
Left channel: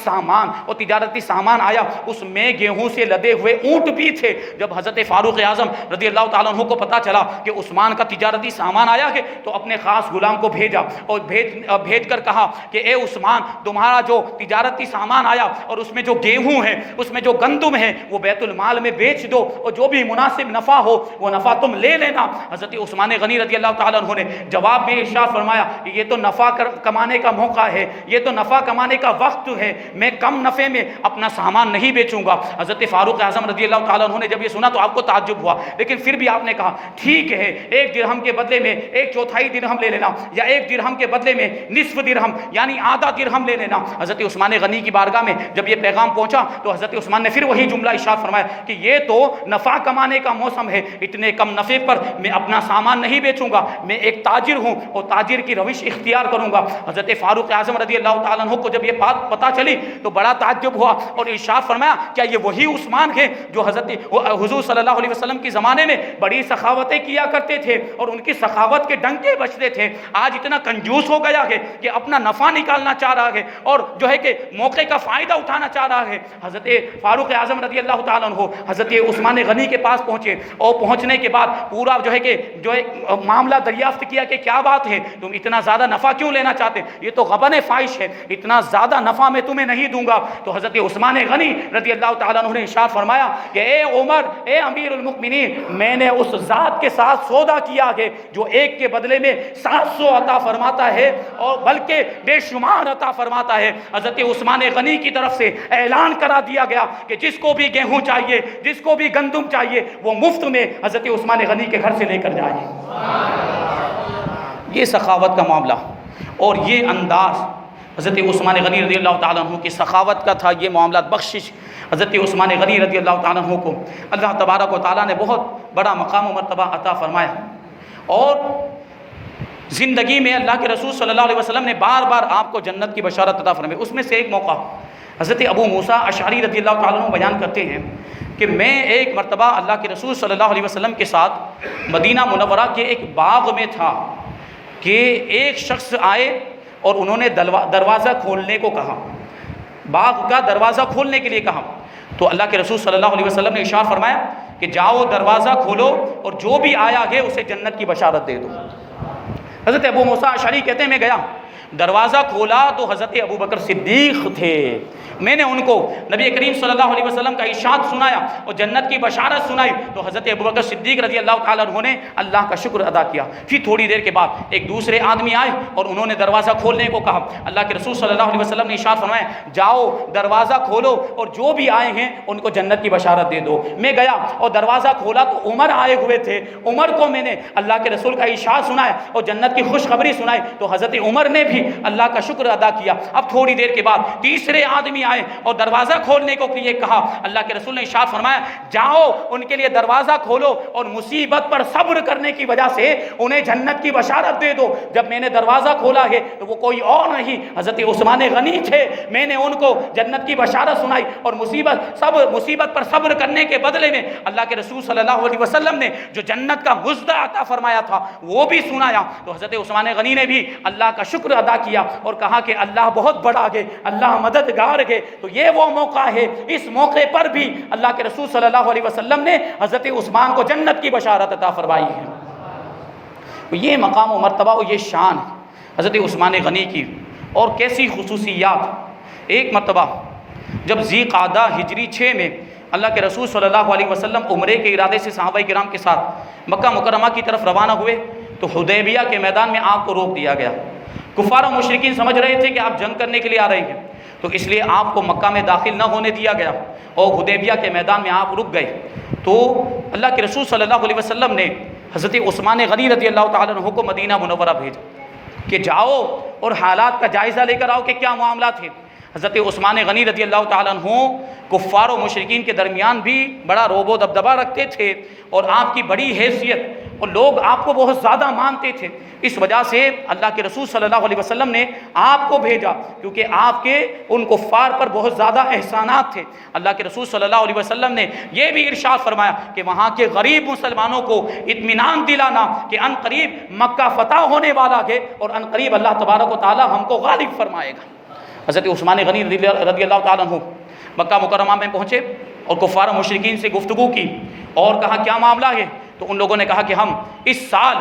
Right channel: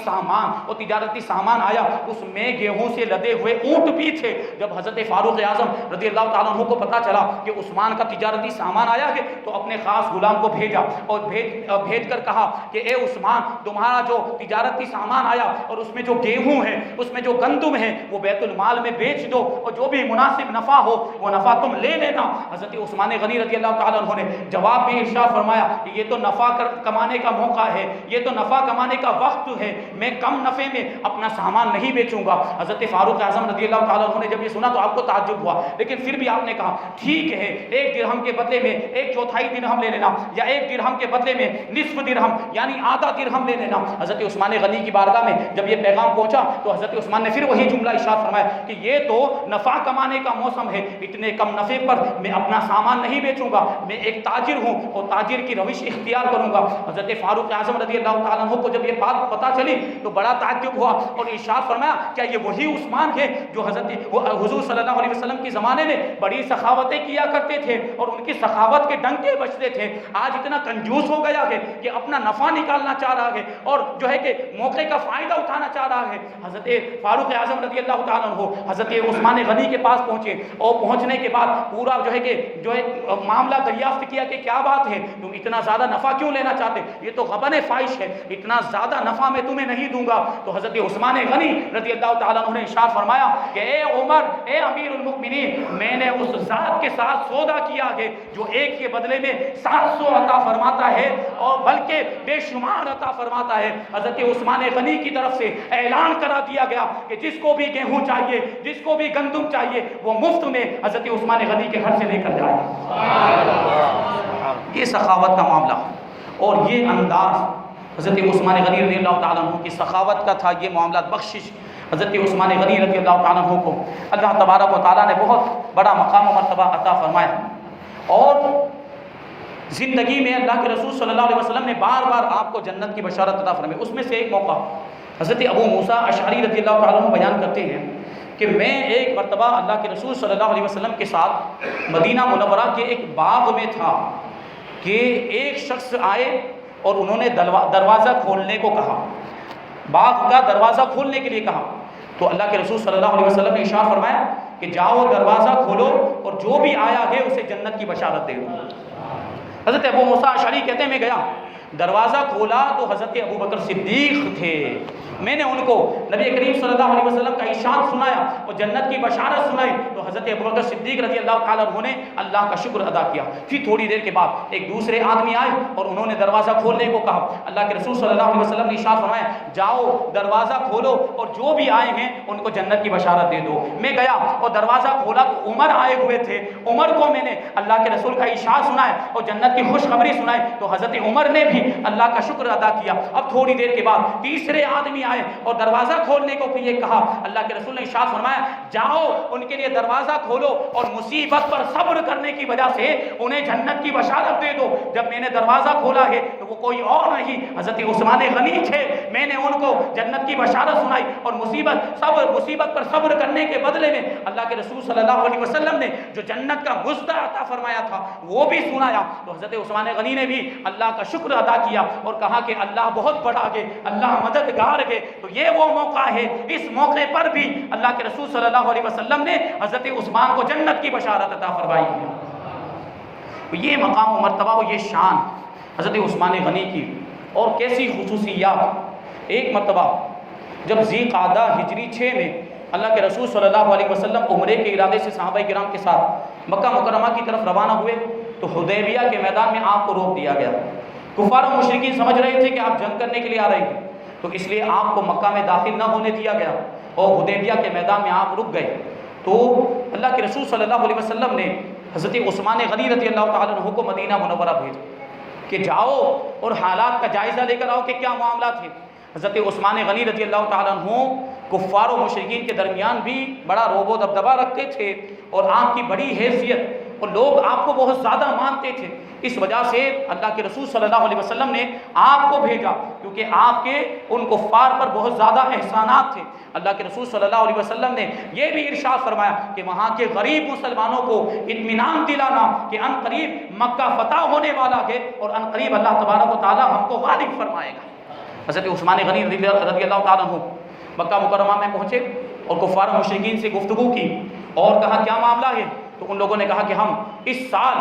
سامان آیا، اس میں گیہوں سے لدے ہوئے اونٹ بھی تھے۔ جب حضرت فاروق اعظم رضی اللہ تعالیٰ عنہ کو پتا چلا کہ عثمان کا تجارتی سامان آیا ہے تو اپنے خاص غلام کو بھیجا اور بھیج کر کہا کہ اے عثمان، تمہارا جو تجارتی سامان آیا اور اس میں جو گیہوں ہے، اس میں جو گندم ہے، وہ بیت المال میں بیچ دو، اور جو بھی مناسب نفع ہو وہ نفع تم لے لینا، حضرت عثمان غنی رضی اللہ تعالیٰ عنہ نے جواب میں ارشاد فرمایا کہ یہ تو نفع کمانے کا موقع ہے، یہ تو نفع کمانے کا وقت ہے، میں کم نفع میں اپنا سامان نہیں بیچوں گا۔ حضرت فاروق اعظم رضی اللہ تعالیٰ عنہ نے جب یہ سنا تو آپ کو تعجب ہوا، لیکن پھر بھی آپ نے کہا ٹھیک ہے، 1 درہم کے بدلے میں 1/4 درہم لے لینا، یا 1 درہم کے بدلے میں نصف درہم یعنی آدھا درہم لے لینا۔ حضرت عثمان غنی کی بارگاہ میں جب یہ پیغام پہنچا تو حضرت عثمان نے پھر وہی جملہ ارشاد فرمایا کہ یہ تو نفع کمانے کا موسم ہے، اتنے کم نفع پر میں اپنا سامان نہیں بیچوں گا، میں ایک تاجر ہوں اور تاجر کی روش اختیار کروں گا۔ حضرت فاروق اعظم رضی اللہ تعالیٰ عنہ کو جب یہ بات پتہ چلی تو بڑا تعجب ہوا اور ارشاد فرمایا کیا یہ وہی عثمان ہے جو حضرت حضور صلی اللہ علیہ وسلم کے زمانے میں بڑی سخاوتیں کیا کرتے تھے اور ان کی سخاوت کے ڈنکے بجتے تھے، آج اتنا کنجوس ہو گیا ہے کہ اپنا نفع نکالنا چاہ رہا ہے اور جو ہے کہ موقع کا فائدہ اٹھانا چاہ رہا ہے۔ حضرت فاروق اعظم رضی اللہ تعالیٰ عنہ حضرت عثمان غنی کے پاس پہنچے اور پہنچنے کے بعد پورا جو ہے معاملہ دریافت کیا کہ کیا بات ہے، تم اتنا زیادہ نفع کیوں لینا چاہتے، یہ تو غبن فاحش ہے، اتنا زیادہ نفع میں تمہیں نہیں دوں گا۔ تو حضرت عثمان غنی رضی اللہ تعالیٰ عنہ نے ارشاد فرمایا کہ اے عمر، اے امیر المؤمنین، میں نے اس ذات کے ساتھ سودا کیا ہے جو 1 کے بدلے میں 700 عطا فرماتا ہے اور بلکہ بے شمار عطا فرماتا ہے۔ حضرت عثمان غنی کی طرف سے اعلان کرا دیا گیا کہ جس کو بھی گیہوں چاہیے، جس کو بھی گندم چاہیے، وہ مفت میں حضرت عثمان غنی کے گھر سے لے کر جائے۔ یہ سخاوت کا معاملہ اور یہ انداز حضرت عثمان غنی رضی اللہ تعالیٰ عنہ کی سخاوت کا تھا۔ یہ معاملات بخشش حضرت عثمان غنی رضی اللہ تعالیٰ عنہ کو اللہ تبارک و تعالیٰ نے بہت بڑا مقام و مرتبہ عطا فرمایا، اور زندگی میں اللہ کے رسول صلی اللہ علیہ وسلم نے بار بار آپ کو جنت کی بشارت عطا فرمائی۔ اس میں سے ایک موقع حضرت ابو موسیٰ اشعری رضی اللہ تعالیٰ عنہ بیان کرتے ہیں کہ میں ایک مرتبہ اللہ کے رسول صلی اللہ علیہ وسلم کے ساتھ مدینہ منورہ کے ایک باغ میں تھا کہ ایک شخص آئے اور انہوں نے دروازہ کھولنے کو کہا، باغ کا دروازہ کھولنے کے لیے کہا۔ تو اللہ کے رسول صلی اللہ علیہ وسلم نے ارشاد فرمایا کہ جاؤ دروازہ کھولو اور جو بھی آیا ہے اسے جنت کی بشارت دے دو۔ حضرت ابو موسیٰ اشعری کہتے ہیں میں گیا، دروازہ کھولا تو حضرت ابوبکر صدیق تھے۔ میں نے ان کو نبی کریم صلی اللہ علیہ وسلم کا ارشاد سنایا اور جنت کی بشارت سنائی تو حضرت ابوبکر صدیق رضی اللہ تعالیٰ عنہ نے اللہ کا شکر ادا کیا۔ پھر تھوڑی دیر کے بعد ایک دوسرے آدمی آئے اور انہوں نے دروازہ کھولنے کو کہا۔ اللہ کے رسول صلی اللہ علیہ وسلم نے ارشاد فرمایا جاؤ دروازہ کھولو اور جو بھی آئے ہیں ان کو جنت کی بشارت دے دو۔ میں گیا اور دروازہ کھولا تو عمر آئے ہوئے تھے، عمر کو میں نے اللہ کے رسول کا ارشاد سنایا اور جنت کی خوشخبری سنائی تو حضرت عمر نے بھی اللہ کا شکر ادا کیا۔ اب تھوڑی دیر کے بعد تیسرے آدمی آئے اور دروازہ کھولنے کو یہ کہا۔ اللہ کے رسول نے ارشاد فرمایا جاؤ ان کے لیے دروازہ کھولو اور مصیبت پر صبر کرنے کی وجہ سے انہیں جنت کی بشارت دے دو۔ جب میں نے دروازہ کھولا ہے تو وہ کوئی اور نہیں حضرت عثمان غنی تھے۔ میں نے ان کو جنت کی بشارت سنائی اور مصیبت پر صبر کرنے کے بدلے میں اللہ کے رسول صلی اللہ علیہ وسلم نے جو جنت کا مزدہ عطا فرمایا تھا وہ بھی سنایا۔ تو حضرت عثمان غنی نے بھی اللہ کا شکر ادا کیا اور کہا کہ اللہ بہت بڑا ہے، اللہ مددگار ہے۔ تو یہ وہ موقع ہے، اس موقع پر بھی اللہ کے رسول صلی اللہ علیہ وسلم نے حضرت عثمان کو جنت کی بشارت عطا فرمائی ہے۔ یہ مقام و مرتبہ اور یہ شان حضرت عثمان غنی کی، اور کیسی خصوصیات۔ ایک مرتبہ جب ذی قعدہ ہجری 6 میں اللہ کے رسول صلی اللہ علیہ وسلم عمرے کے ارادے سے صحابہ کرام کے ساتھ مکہ مکرمہ کی طرف روانہ ہوئے تو حدیبیہ کے میدان میں آپ کو روک دیا گیا۔ کفار و مشرکین سمجھ رہے تھے کہ آپ جنگ کرنے کے لیے آ رہے ہیں، تو اس لیے آپ کو مکہ میں داخل نہ ہونے دیا گیا اور حدیبیہ کے میدان میں آپ رک گئے۔ تو اللہ کے رسول صلی اللہ علیہ وسلم نے حضرت عثمان غنی رضی اللہ تعالیٰ عنہ کو مدینہ منورہ بھیجا کہ جاؤ اور حالات کا جائزہ لے کر آؤ کہ کیا معاملات ہیں۔ حضرت عثمان غنی رضی اللہ تعالیٰ عنہ کفار و مشرکین کے درمیان بھی بڑا روب و دبدبہ رکھتے تھے اور آپ کی بڑی حیثیت اور لوگ آپ کو بہت زیادہ مانتے تھے۔ اس وجہ سے اللہ کے رسول صلی اللہ علیہ وسلم نے آپ کو بھیجا کیونکہ آپ کے ان کفار پر بہت زیادہ احسانات تھے۔ اللہ کے رسول صلی اللہ علیہ وسلم نے یہ بھی ارشاد فرمایا کہ وہاں کے غریب مسلمانوں کو اطمینان دلانا کہ ان قریب مکہ فتح ہونے والا ہے اور ان قریب اللہ تبارک و تعالی ہم کو غالب فرمائے گا۔ حضرت عثمان غنی رضی اللہ تعالیٰ عنہ مکہ مکرمہ میں پہنچے اور کفار و مشرکین سے گفتگو کی اور کہا کیا معاملہ ہے؟ تو ان لوگوں نے کہا کہ ہم اس سال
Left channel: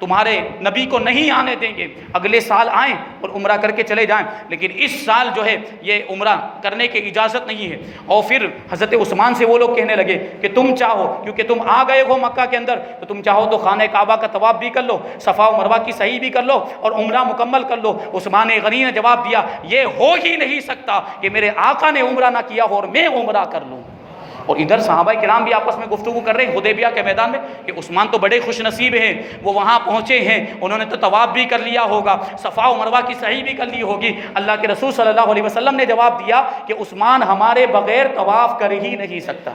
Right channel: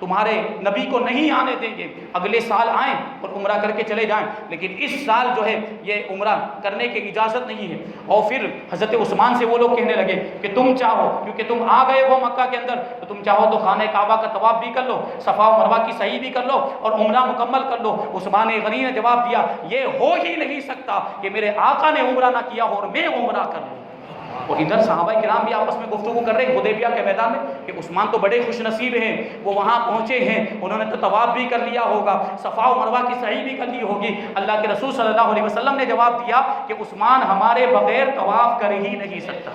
تمہارے نبی کو نہیں آنے دیں گے، اگلے سال آئیں اور عمرہ کر کے چلے جائیں، لیکن اس سال جو ہے یہ عمرہ کرنے کی اجازت نہیں ہے۔ اور پھر حضرت عثمان سے وہ لوگ کہنے لگے کہ تم چاہو، کیونکہ تم آ گئے ہو مکہ کے اندر، تو تم چاہو تو خانہ کعبہ کا طواف بھی کر لو، صفا و مروہ کی سعی بھی کر لو اور عمرہ مکمل کر لو۔ عثمان غنی نے جواب دیا یہ ہو ہی نہیں سکتا کہ میرے آقا نے عمرہ نہ کیا ہو اور میں عمرہ کر لوں۔ اور ادھر صحابہ کرام بھی آپس میں گفتگو کر رہے ہیں حدیبیہ کے میدان میں کہ عثمان تو بڑے خوش نصیب ہیں، وہ وہاں پہنچے ہیں، انہوں نے تو طواف بھی کر لیا ہوگا، صفا و مروہ کی سعی بھی کر لی ہوگی۔ اللہ کے رسول صلی اللہ علیہ وسلم نے جواب دیا کہ عثمان ہمارے بغیر طواف کر ہی نہیں سکتا۔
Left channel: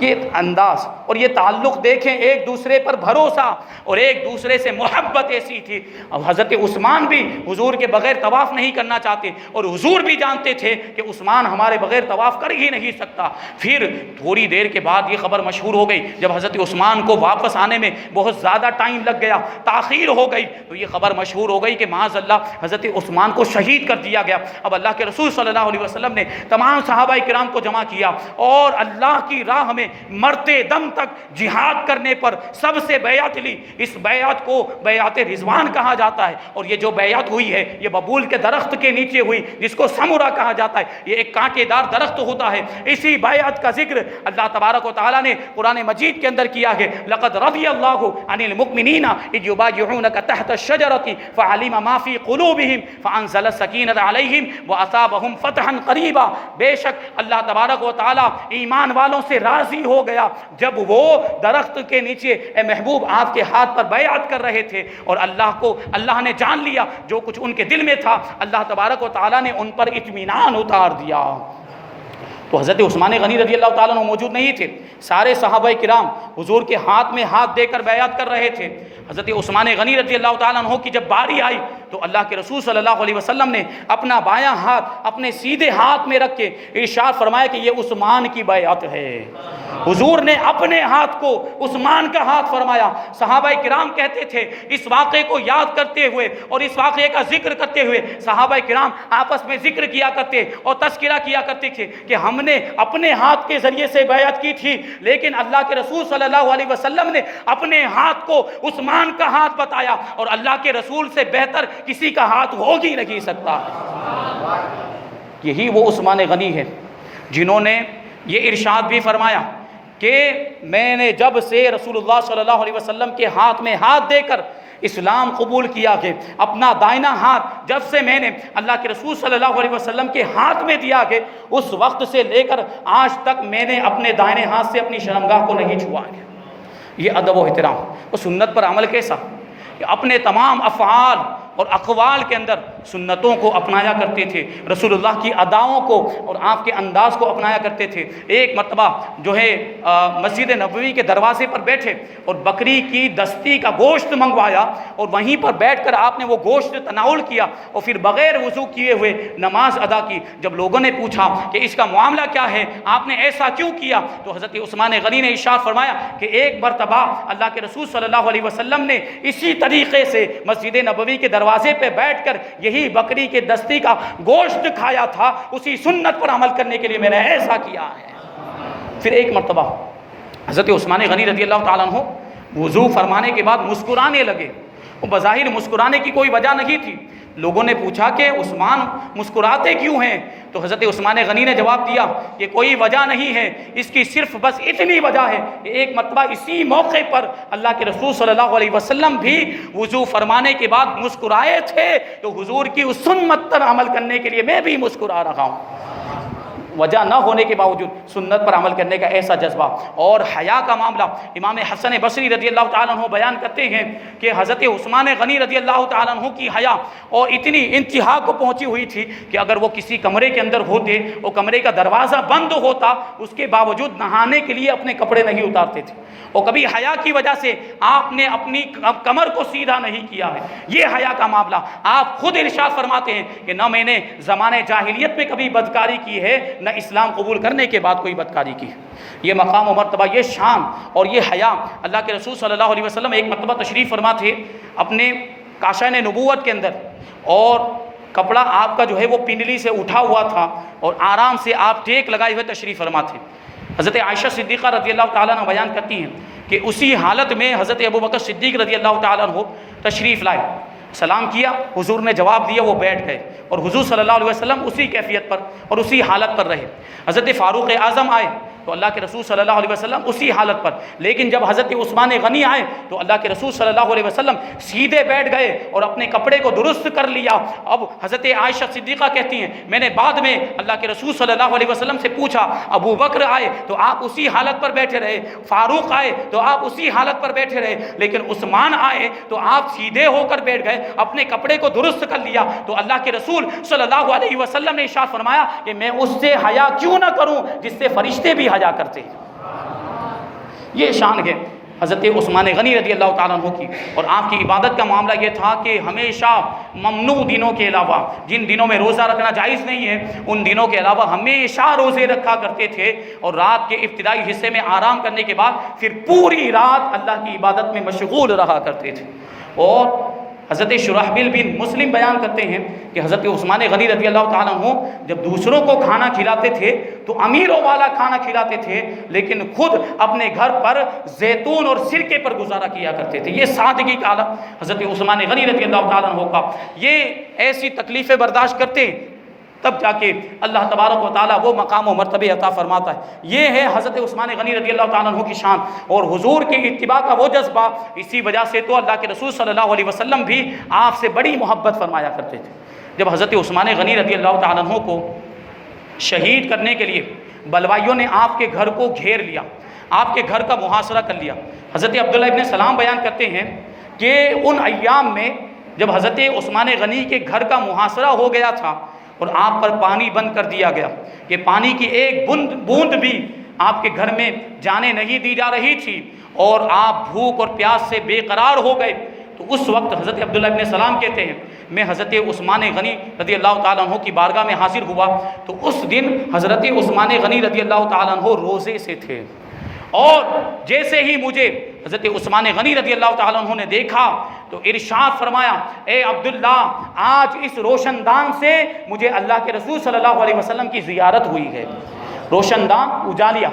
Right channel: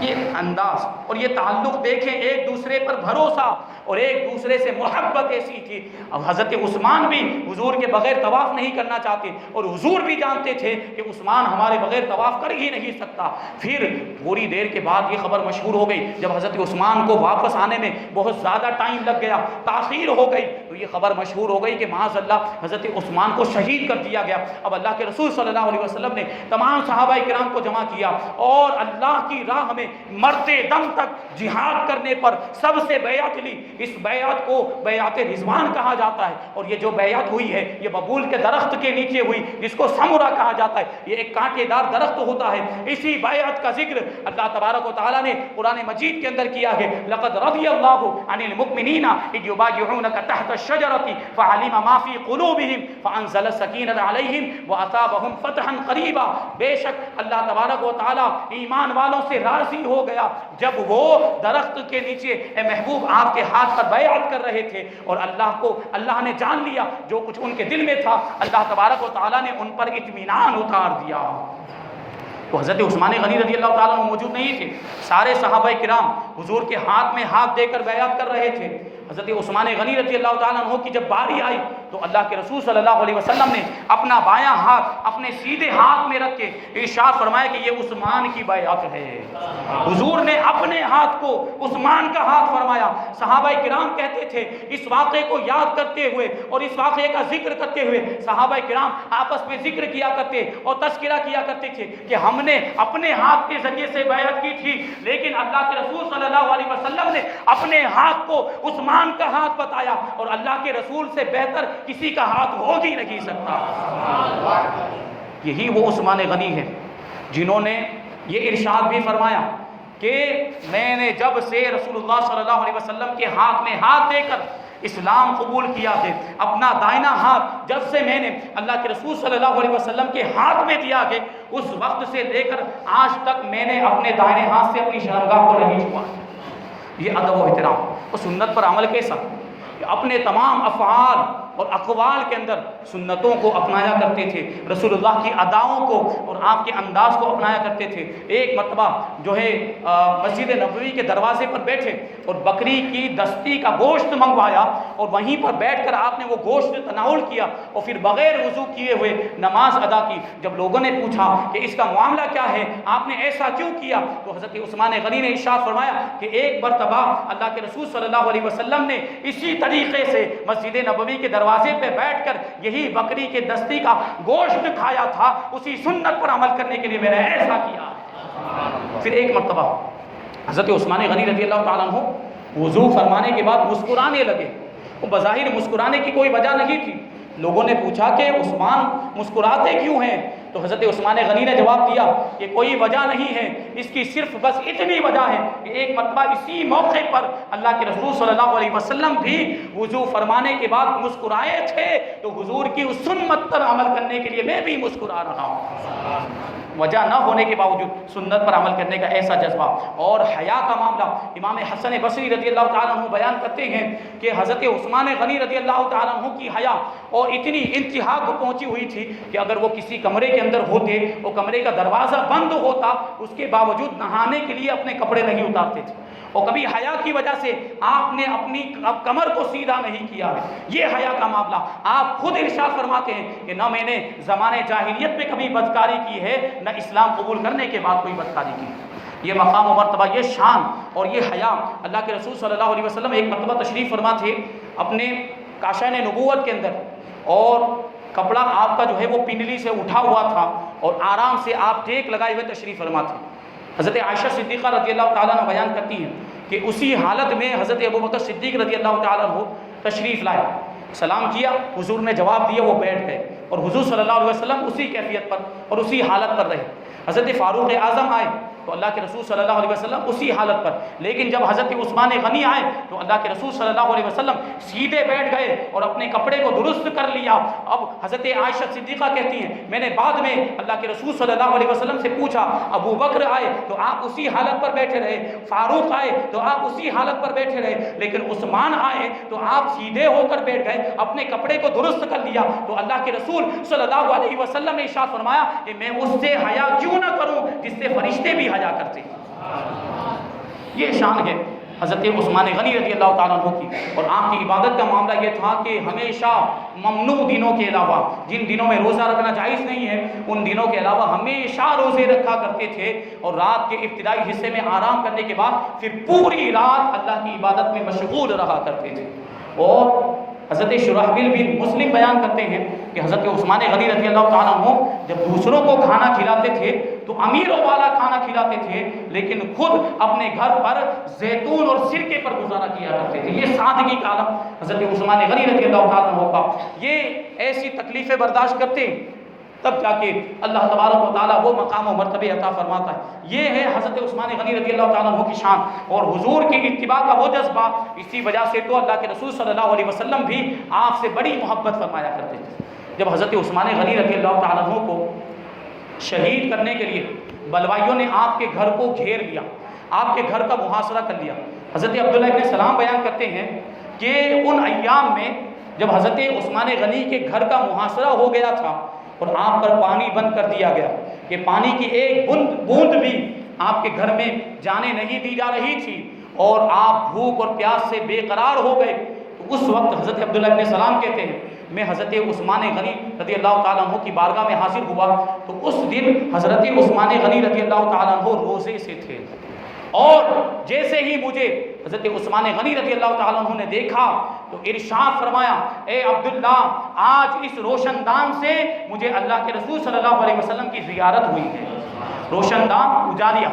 یہ انداز اور یہ تعلق دیکھیں، ایک دوسرے پر بھروسہ اور ایک دوسرے سے محبت ایسی تھی۔ اور حضرت عثمان بھی حضور کے بغیر طواف نہیں کرنا چاہتے اور حضور بھی جانتے تھے کہ عثمان ہمارے بغیر طواف کر ہی نہیں سکتا۔ پھر تھوڑی دیر کے بعد یہ خبر مشہور ہو گئی، جب حضرت عثمان کو واپس آنے میں بہت زیادہ ٹائم لگ گیا، تاخیر ہو گئی، تو یہ خبر مشہور ہو گئی کہ معاذ اللہ حضرت عثمان کو شہید کر دیا گیا۔ اب اللہ کے رسول صلی اللہ علیہ وسلم نے تمام صحابہ کرام کو جمع کیا اور اللہ کی راہ میں مرتے دم تک جہاد کرنے پر سب سے بیعت لی۔ اس بیعت کو بیعت رضوان کہا جاتا ہے، اور یہ جو بیعت ہوئی ہے یہ ببول کے درخت کے نیچے ہوئی، جس کو سمورا کہا جاتا ہے، یہ ایک کانٹے دار درخت ہوتا ہے۔ اسی بیعت کا ذکر اللہ تبارک و تعالیٰ نے قرآن مجید کے اندر کیا ہے، لقد رضی اللہ عن المؤمنین اذ یبایعونک تحت الشجرۃ فعلم ما فی قلوبہم فانزل السکینۃ علیہم واصابہم فتحا قریبا۔ بے شک اللہ تبارک و تعالیٰ ایمان والوں سے راضی ہو گیا جب وہ درخت کے نیچے اے محبوب آپ کے ہاتھ پر بیعت کر رہے تھے، اور اللہ نے جان لیا جو کچھ ان کے دل میں تھا، اللہ تبارک و تعالیٰ نے ان پر اطمینان اتار دیا۔ تو حضرت عثمان غنی رضی اللہ تعالیٰ عنہ موجود نہیں تھے، سارے صحابہ کرام حضور کے ہاتھ میں ہاتھ دے کر بیعت کر رہے تھے۔ حضرت عثمان غنی رضی اللہ تعالیٰ عنہ کی جب باری آئی تو اللہ کے رسول صلی اللہ علیہ وسلم نے اپنا بایاں ہاتھ اپنے سیدھے ہاتھ میں رکھ کے ارشاد فرمایا کہ یہ عثمان کی بیعت ہے۔ حضور نے اپنے ہاتھ کو عثمان کا ہاتھ فرمایا۔ صحابہ کرام کہتے تھے، اس واقعے کو یاد کرتے ہوئے اور اس واقعے کا ذکر کرتے ہوئے صحابہ کرام آپس میں ذکر کیا کرتے اور تذکرہ کیا کرتے تھے کہ ہم نے اپنے ہاتھ کے ذریعے سے بیعت کی تھی، لیکن اللہ کے رسول صلی اللہ علیہ وسلم نے اپنے ہاتھ کو عثمان کا ہاتھ بتایا، اور اللہ کے رسول سے بہتر کسی کا ہاتھ ہو ہی نہیں سکتا۔ یہی وہ عثمان غنی ہے جنہوں نے یہ ارشاد بھی فرمایا کہ میں نے جب سے رسول اللہ صلی اللہ علیہ وسلم کے ہاتھ میں ہاتھ دے کر اسلام قبول کیا کہ اپنا دائنا ہاتھ جب سے میں نے اللہ کے رسول صلی اللہ علیہ وسلم کے ہاتھ میں دیا کہ اس وقت سے لے کر آج تک میں نے اپنے دائنے ہاتھ سے اپنی شرمگاہ کو نہیں چھوا۔ یہ ادب و احترام اور سنت پر عمل کیسا کہ اپنے تمام افعال اور اقوال کے اندر سنتوں کو اپنایا کرتے تھے، رسول اللہ کی اداؤں کو اور آپ کے انداز کو اپنایا کرتے تھے۔ ایک مرتبہ جو ہے مسجد نبوی کے دروازے پر بیٹھے اور بکری کی دستی کا گوشت منگوایا اور وہیں پر بیٹھ کر آپ نے وہ گوشت تناول کیا اور پھر بغیر وضو کیے ہوئے نماز ادا کی۔ جب لوگوں نے پوچھا کہ اس کا معاملہ کیا ہے، آپ نے ایسا کیوں کیا، تو حضرت عثمان غنی نے ارشاد فرمایا کہ ایک مرتبہ اللہ کے رسول صلی اللہ علیہ وسلم نے اسی طریقے سے مسجد نبوی کے دروازے پہ بیٹھ کر یہی بکری کے دستی کا گوشت کھایا تھا، اسی سنت پر عمل کرنے کے لیے میں نے ایسا کیا ہے۔ پھر ایک مرتبہ حضرت عثمان غنی رضی اللہ تعالیٰ عنہ وضو فرمانے کے بعد مسکرانے لگے۔ وہ بظاہر مسکرانے کی کوئی وجہ نہیں تھی۔ لوگوں نے پوچھا کہ عثمان مسکراتے کیوں ہیں، تو حضرت عثمان غنی نے جواب دیا کہ کوئی وجہ نہیں ہے، اس کی صرف بس اتنی وجہ ہے کہ ایک مرتبہ اسی موقع پر اللہ کے رسول صلی اللہ علیہ وسلم بھی وضو فرمانے کے بعد مسکرائے تھے، تو حضور کی اس سنت پر عمل کرنے کے لیے میں بھی مسکرا رہا ہوں۔ وجہ نہ ہونے کے باوجود سنت پر عمل کرنے کا ایسا جذبہ۔ اور حیا کا معاملہ امام حسن بصری رضی اللہ تعالیٰ عنہ بیان کرتے ہیں کہ حضرت عثمان غنی رضی اللہ تعالیٰ عنہ کی حیا اور اتنی انتہا کو پہنچی ہوئی تھی کہ اگر وہ کسی کمرے کے اندر ہوتے، وہ کمرے کا دروازہ بند ہوتا، اس کے باوجود نہانے کے لیے اپنے کپڑے نہیں اتارتے تھے، اور کبھی حیا کی وجہ سے آپ نے اپنی کمر کو سیدھا نہیں کیا ہے۔ یہ حیا کا معاملہ آپ خود ارشاد فرماتے ہیں کہ نہ میں نے زمانے جاہلیت میں کبھی بدکاری کی ہے، نہ اسلام قبول کرنے کے بعد کوئی بدکاری کی ہے۔ یہ مقام و مرتبہ، یہ شان اور یہ حیا اللہ کے رسول صلی اللہ علیہ وسلم ایک مرتبہ تشریف فرما تھے اپنے کاشان نبوت کے اندر، اور کپڑا آپ کا جو ہے وہ پنڈلی سے اٹھا ہوا تھا اور آرام سے آپ ٹیک لگائے ہوئے تشریف فرما تھے۔ حضرت عائشہ صدیقہ رضی اللہ تعالیٰ عنہ بیان کرتی ہیں کہ اسی حالت میں حضرت ابوبکر صدیق رضی اللہ تعالیٰ عنہ تشریف لائے، سلام کیا، حضور نے جواب دیا، وہ بیٹھ گئے اور حضور صلی اللہ علیہ وسلم اسی کیفیت پر اور اسی حالت پر رہے۔ حضرت فاروق اعظم آئے تو اللہ کے رسول صلی اللہ علیہ وسلم اسی حالت پر، لیکن جب حضرت عثمان غنی آئے تو اللہ کے رسول صلی اللہ علیہ وسلم سیدھے بیٹھ گئے اور اپنے کپڑے کو درست کر لیا۔ اب حضرت عائشہ صدیقہ کہتی ہیں میں نے بعد میں اللہ کے رسول صلی اللہ علیہ وسلم سے پوچھا، ابو بکر آئے تو آپ اسی حالت پر بیٹھے رہے، فاروق آئے تو آپ اسی حالت پر بیٹھے رہے، لیکن عثمان آئے تو آپ سیدھے ہو کر بیٹھ گئے، اپنے کپڑے کو درست کر لیا۔ تو اللہ کے رسول صلی اللہ علیہ وسلم نے ارشاد فرمایا کہ میں اس سے حیا کیوں نہ کروں جس سے فرشتے بھی حیا کرتے ہیں۔ یہ شان ہے حضرت عثمان غنی رضی اللہ تعالیٰ عنہ کی، اور آپ کی عبادت کا معاملہ یہ تھا کہ ہمیشہ ممنوع دنوں کے علاوہ، جن دنوں میں روزہ رکھنا جائز نہیں ہے، ان دنوں کے علاوہ ہمیشہ روزے رکھا کرتے تھے، اور رات کے ابتدائی حصے میں آرام کرنے کے بعد پھر پوری رات اللہ کی عبادت میں مشغول رہا کرتے تھے۔ اور حضرت شرحبیل بن مسلم بیان کرتے ہیں کہ حضرت عثمان غنی رضی اللہ تعالیٰ عنہ جب دوسروں کو کھانا کھلاتے تھے تو امیروں والا کھانا کھلاتے تھے، لیکن خود اپنے گھر پر زیتون اور سرکے پر گزارا کیا کرتے تھے۔ یہ سادگی کا عالم حضرت عثمان غنی رضی اللہ تعالیٰ عنہ کا، یہ ایسی تکلیفیں برداشت کرتے تب جا کے اللہ تبارک و تعالیٰ وہ مقام و مرتبہ عطا فرماتا ہے۔ یہ ہے حضرت عثمان غنی رضی اللہ تعالیٰ عنہ کی شان اور حضور کی اتباع کا وہ جذبہ۔ اسی وجہ سے تو اللہ کے رسول صلی اللہ علیہ وسلم بھی آپ سے بڑی محبت فرمایا کرتے تھے۔ جب حضرت عثمان غنی رضی اللہ تعالیٰ عنہ کو شہید کرنے کے لیے بلوائیوں نے آپ کے گھر کو گھیر لیا، آپ کے گھر کا محاصرہ کر لیا، حضرت عبداللہ ابن سلام بیان کرتے ہیں کہ ان ایام میں جب حضرت عثمان غنی کے گھر کا محاصرہ ہو گیا تھا اور آپ پر پانی بند کر دیا گیا کہ پانی کی ایک بوند بھی آپ کے گھر میں جانے نہیں دی جا رہی تھی اور آپ بھوک اور پیاس سے بے قرار ہو گئے، تو اس وقت حضرت عبداللہ ابن سلام کہتے ہیں میں حضرت عثمان غنی رضی اللہ تعالیٰ عنہ کی بارگاہ میں حاضر ہوا تو اس دن حضرت عثمان غنی رضی اللہ تعالیٰ عنہ روزے سے تھے، اور جیسے ہی مجھے حضرت عثمان غنی رضی اللہ تعالیٰ عنہ نے دیکھا تو ارشاد فرمایا اے عبداللہ آج اس روشن دان سے مجھے اللہ کے رسول صلی اللہ علیہ وسلم کی زیارت ہوئی ہے۔ روشن دان اجالیا،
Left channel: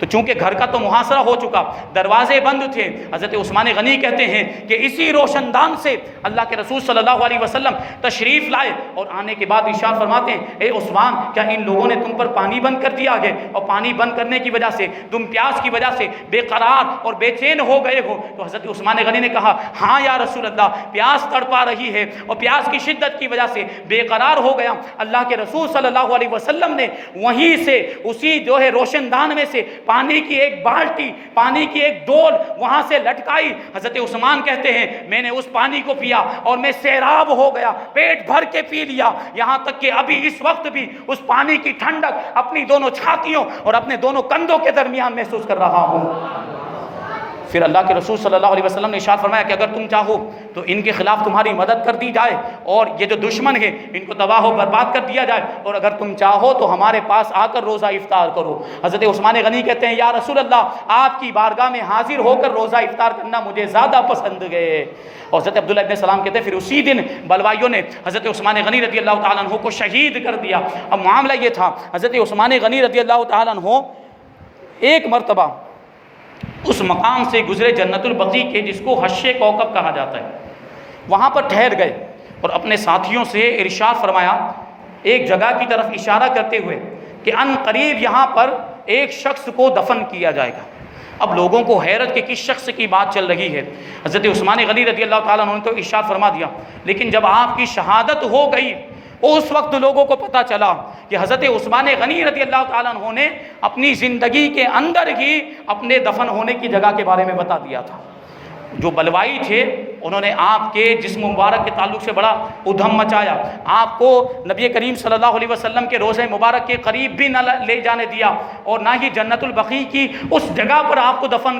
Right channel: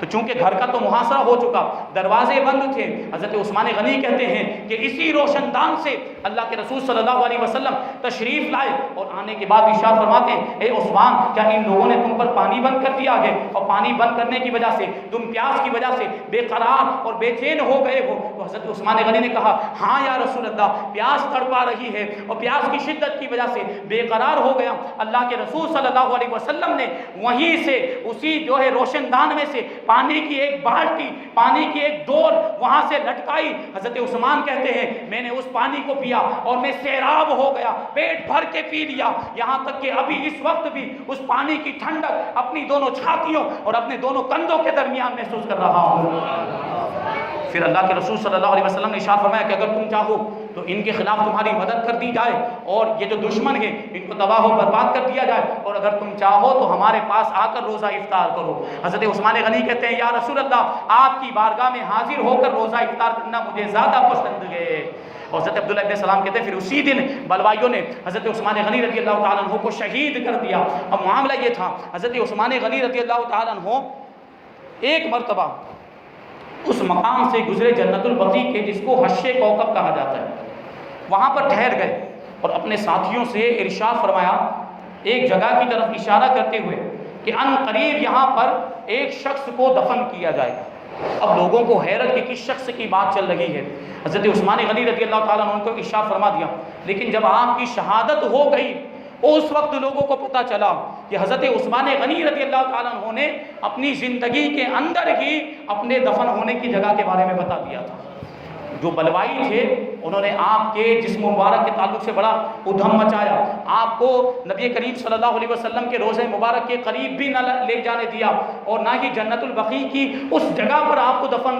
تو چونکہ گھر کا تو محاصرہ ہو چکا، دروازے بند تھے، حضرت عثمان غنی کہتے ہیں کہ اسی روشن دان سے اللہ کے رسول صلی اللہ علیہ وسلم تشریف لائے اور آنے کے بعد ارشاد فرماتے ہیں اے عثمان کیا ان لوگوں نے تم پر پانی بند کر دیا ہے اور پانی بند کرنے کی وجہ سے تم پیاس کی وجہ سے بے قرار اور بے چین ہو گئے ہو؟ تو حضرت عثمان غنی نے کہا ہاں یا رسول اللہ، پیاس تڑپا رہی ہے اور پیاس کی شدت کی وجہ سے بے قرار ہو گیا۔ اللہ کے رسول صلی اللہ علیہ وسلم نے وہیں سے اسی جو ہے روشن دان میں سے پانی کی ایک بالٹی، پانی کی ایک ڈول وہاں سے لٹکائی۔ حضرت عثمان کہتے ہیں میں نے اس پانی کو پیا اور میں سیراب ہو گیا، پیٹ بھر کے پی لیا، یہاں تک کہ ابھی اس وقت بھی اس پانی کی ٹھنڈک اپنی دونوں چھاتیوں اور اپنے دونوں کندھوں کے درمیان محسوس کر رہا ہوں۔ پھر اللہ کے رسول صلی اللہ علیہ وسلم نے ارشاد فرمایا کہ اگر تم چاہو تو ان کے خلاف تمہاری مدد کر دی جائے اور یہ جو دشمن ہیں ان کو تباہ و برباد کر دیا جائے، اور اگر تم چاہو تو ہمارے پاس آ کر روزہ افطار کرو۔ حضرت عثمان غنی کہتے ہیں یا رسول اللہ آپ کی بارگاہ میں حاضر ہو کر روزہ افطار کرنا مجھے زیادہ پسند ہے۔ اور حضرت عبداللہ ابن سلام کہتے ہیں پھر اسی دن بلوائیوں نے حضرت عثمان غنی رضی اللہ تعالیٰ عنہ کو شہید کر دیا۔ اب معاملہ یہ تھا حضرت عثمان غنی رضی اللہ تعالیٰ عنہ ایک مرتبہ اس مقام سے گزرے جنت البقیع کے جس کو حش کوکب کہا جاتا ہے، وہاں پر ٹھہر گئے اور اپنے ساتھیوں سے ارشاد فرمایا ایک جگہ کی طرف اشارہ کرتے ہوئے کہ ان قریب یہاں پر ایک شخص کو دفن کیا جائے گا۔ اب لوگوں کو حیرت کہ کس شخص کی بات چل رہی ہے۔ حضرت عثمان غنی رضی اللہ تعالیٰ عنہ کو ارشاد فرما دیا، لیکن جب آپ کی شہادت ہو گئی اس وقت لوگوں کو پتہ چلا کہ حضرت عثمان غنی رضی اللہ تعالیٰ عنہ نے اپنی زندگی کے اندر ہی اپنے دفن ہونے کی جگہ کے بارے میں بتا دیا تھا۔ جو بلوائی تھے انہوں نے آپ کے جسم مبارک کے تعلق سے بڑا ادھم مچایا، آپ کو نبی کریم صلی اللہ علیہ وسلم کے روضہ مبارک کے قریب بھی نہ لے جانے دیا اور نہ ہی جنت البقیع کی اس جگہ پر آپ کو دفن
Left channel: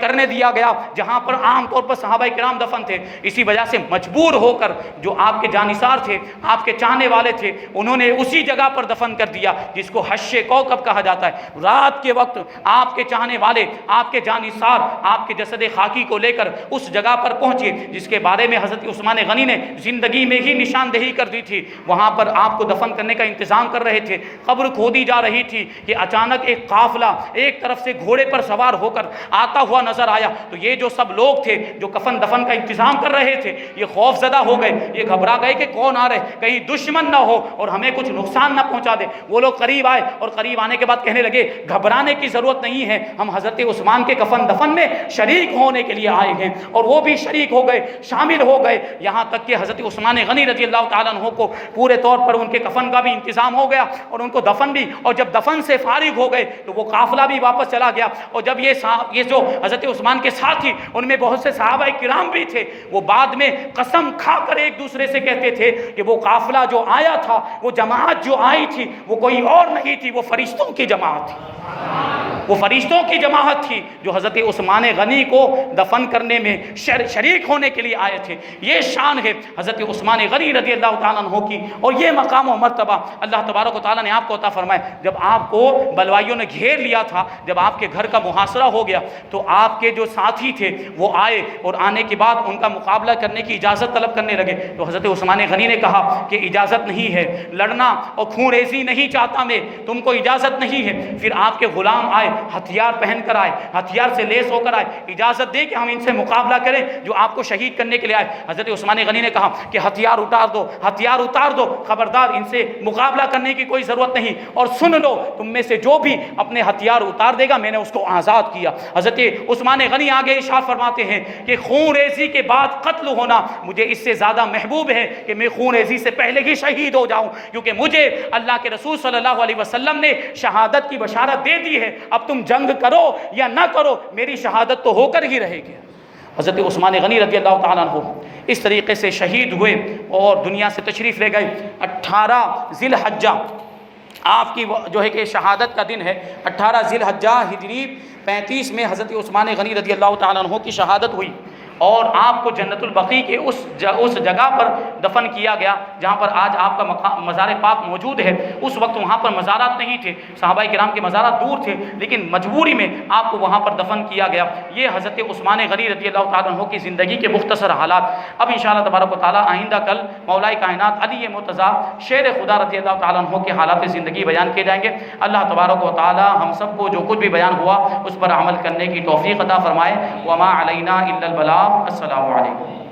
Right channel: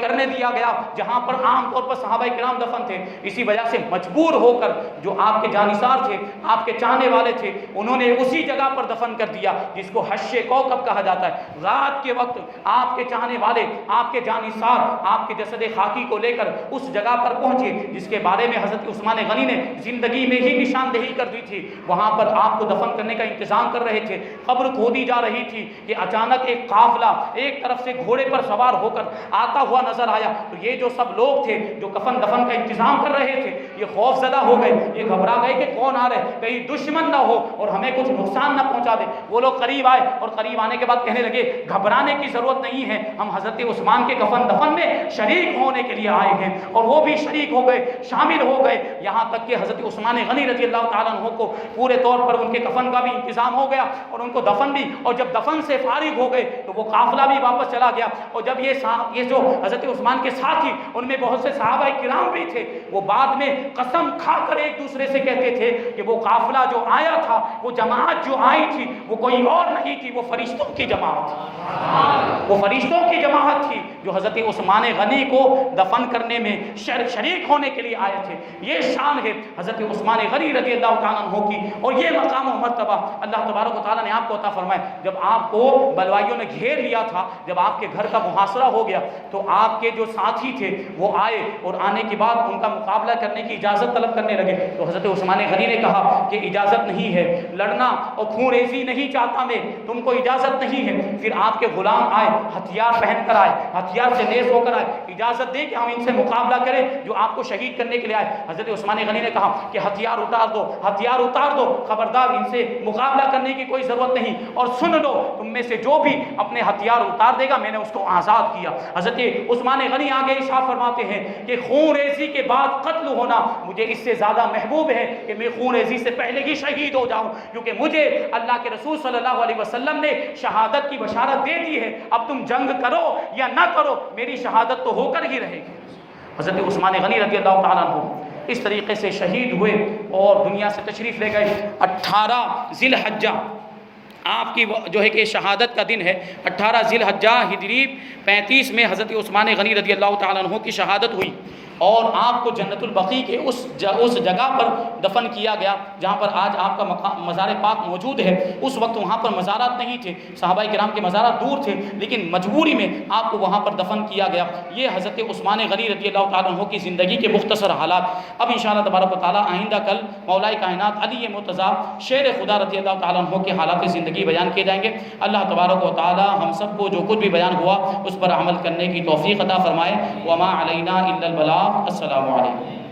کرنے دیا گیا جہاں پر عام طور پر صحابہ کرام دفن تھے۔ اسی وجہ سے مجبور ہو کر جو آپ کے جانثار تھے، آپ کے چاہنے والے تھے، انہوں نے اسی جگہ پر دفن کر دیا جس کو حش کوکب کہا جاتا ہے۔ رات کے وقت آپ کے چاہنے والے، آپ کے جانثار آپ کے جسد خاکی کو لے کر اس جگہ پر پہنچے جس کے بارے میں حضرت عثمان غنی نے زندگی میں ہی نشاندہی کر دی تھی. وہاں پر آپ کو دفن کرنے کا انتظام کر رہے تھے. قبر کھودی جا رہی تھی کہ اچانک ایک قافلہ ایک طرف سے گھوڑے پر سوار ہو کر آتا ہوا نظر آیا. تو یہ جو سب لوگ تھے جو کفن دفن کا انتظام کر رہے تھے یہ خوف زدہ ہو گئے, یہ گھبرا گئے کہ کون آ رہے, کہیں دشمن نہ ہو اور ہمیں کچھ نقصان نہ پہنچا دے. وہ لوگ قریب آئے اور قریب آنے کے بعد کہنے لگے گھبرانے کی ضرورت نہیں ہے, ہم حضرت عثمان کے کفن دفن میں شریک ہونے کے لیے آئے ہیں. اور وہ بھی شریک ہو گئے, شامل ہو گئے, یہاں تک کہ حضرت عثمان غنی رضی اللہ تعالیٰ عنہ کو پورے طور پر ان کے کفن کا بھی انتظام ہو گیا اور ان کو دفن بھی. اور جب دفن سے فارغ ہو گئے تو وہ قافلہ بھی واپس چلا گیا. اور جب یہ جو حضرت عثمان کے ساتھی ان میں بہت سے صحابہ کرام بھی تھے, وہ بعد میں قسم کھا کر ایک دوسرے سے کہتے تھے کہ وہ قافلہ جو آیا تھا, وہ جماعت جو آئی تھی وہ کوئی اور نہیں تھی, وہ فرشتوں کی جماعت تھی. وہ فرشتوں کی جماعت تھی جو حضرت عثمان غنی کو دفن کرنے میں شریک ہونے کے لیے آئے تھے. یہ شان ہے حضرت عثمان غنی رضی اللہ تعالیٰ عنہ کی, اور یہ مقام و مرتبہ اللہ تبارک و تعالیٰ نے آپ کو عطا فرمایا. جب آپ کو بلوائیوں نے گھیر لیا تھا, جب آپ کے گھر کا محاصرہ ہو گیا, تو آپ کے جو ساتھی تھے وہ آئے اور آنے کے بعد ان کا مقابلہ کرنے کی اجازت طلب کرنے لگے. تو حضرت عثمان غنی نے کہا کہ اجازت نہیں ہے, لڑنا اور خون ریزی نہیں چاہتا میں, تم کو اجازت نہیں ہے. پھر آپ کے غلام آئے, ہتھیار پہن کر آئے, ہتھیار سے لیس ہو کر آئے, اجازت دے کہ ہم ان سے مقابلہ کریں جو آپ کو شہید کرنے کے لیے آئے. حضرت عثمان غنی نے کہا کہ ہتھیار اتار دو, ہتھیار اتار دو, خبردار ان سے مقابلہ کرنے کی کوئی ضرورت نہیں, اور سن لو تم میں سے جو بھی اپنے ہتھیار اتار دے گا میں نے اس کو آزاد کیا. حضرت عثمان غنی آگے ارشاد فرماتے ہیں کہ خون ریزی کے بعد قتل ہونا مجھے اس سے زیادہ محبوب ہے کہ میں خون ریزی سے پہلے ہی شہید ہو جاؤں, کیونکہ مجھے اللہ کے رسول صلی اللہ علیہ وسلم نے شہادت کی بشارت دے دی ہے. اب تم جنگ کرو یا نہ کرو میری شہادت تو ہو کر ہی رہے گی. حضرت عثمان غنی رضی اللہ تعالیٰ عنہ اس طریقے سے شہید ہوئے اور دنیا سے تشریف لے گئے. 18 ذی الحجہ آپ کی جو ہے کہ شہادت کا دن ہے. 18 ذی الحجہ ہجری 35 میں حضرت عثمان غنی رضی اللہ تعالیٰ عنہ کی شہادت ہوئی اور آپ کو جنت البقیع کے اس جگہ پر دفن کیا گیا جہاں پر آج آپ کا مزار پاک موجود ہے. اس وقت وہاں پر مزارات نہیں تھے, صحابہ کرام کے مزارات دور تھے, لیکن مجبوری میں آپ کو وہاں پر دفن کیا گیا. یہ حضرت عثمان غنی رضی اللہ تعالیٰ عنہ کی زندگی کے مختصر حالات. اب انشاءاللہ تبارک و تعالیٰ آئندہ کل مولا کائنات علی مرتضیٰ شیر خدا رضی اللہ تعالیٰ عنہ کے حالات زندگی بیان کیے جائیں گے. اللہ تبارک و تعالیٰ ہم سب کو جو کچھ بھی بیان ہوا اس پر عمل کرنے کی توفیق عطا فرمائے. وما علینا الا البلاغ. السلام علیکم.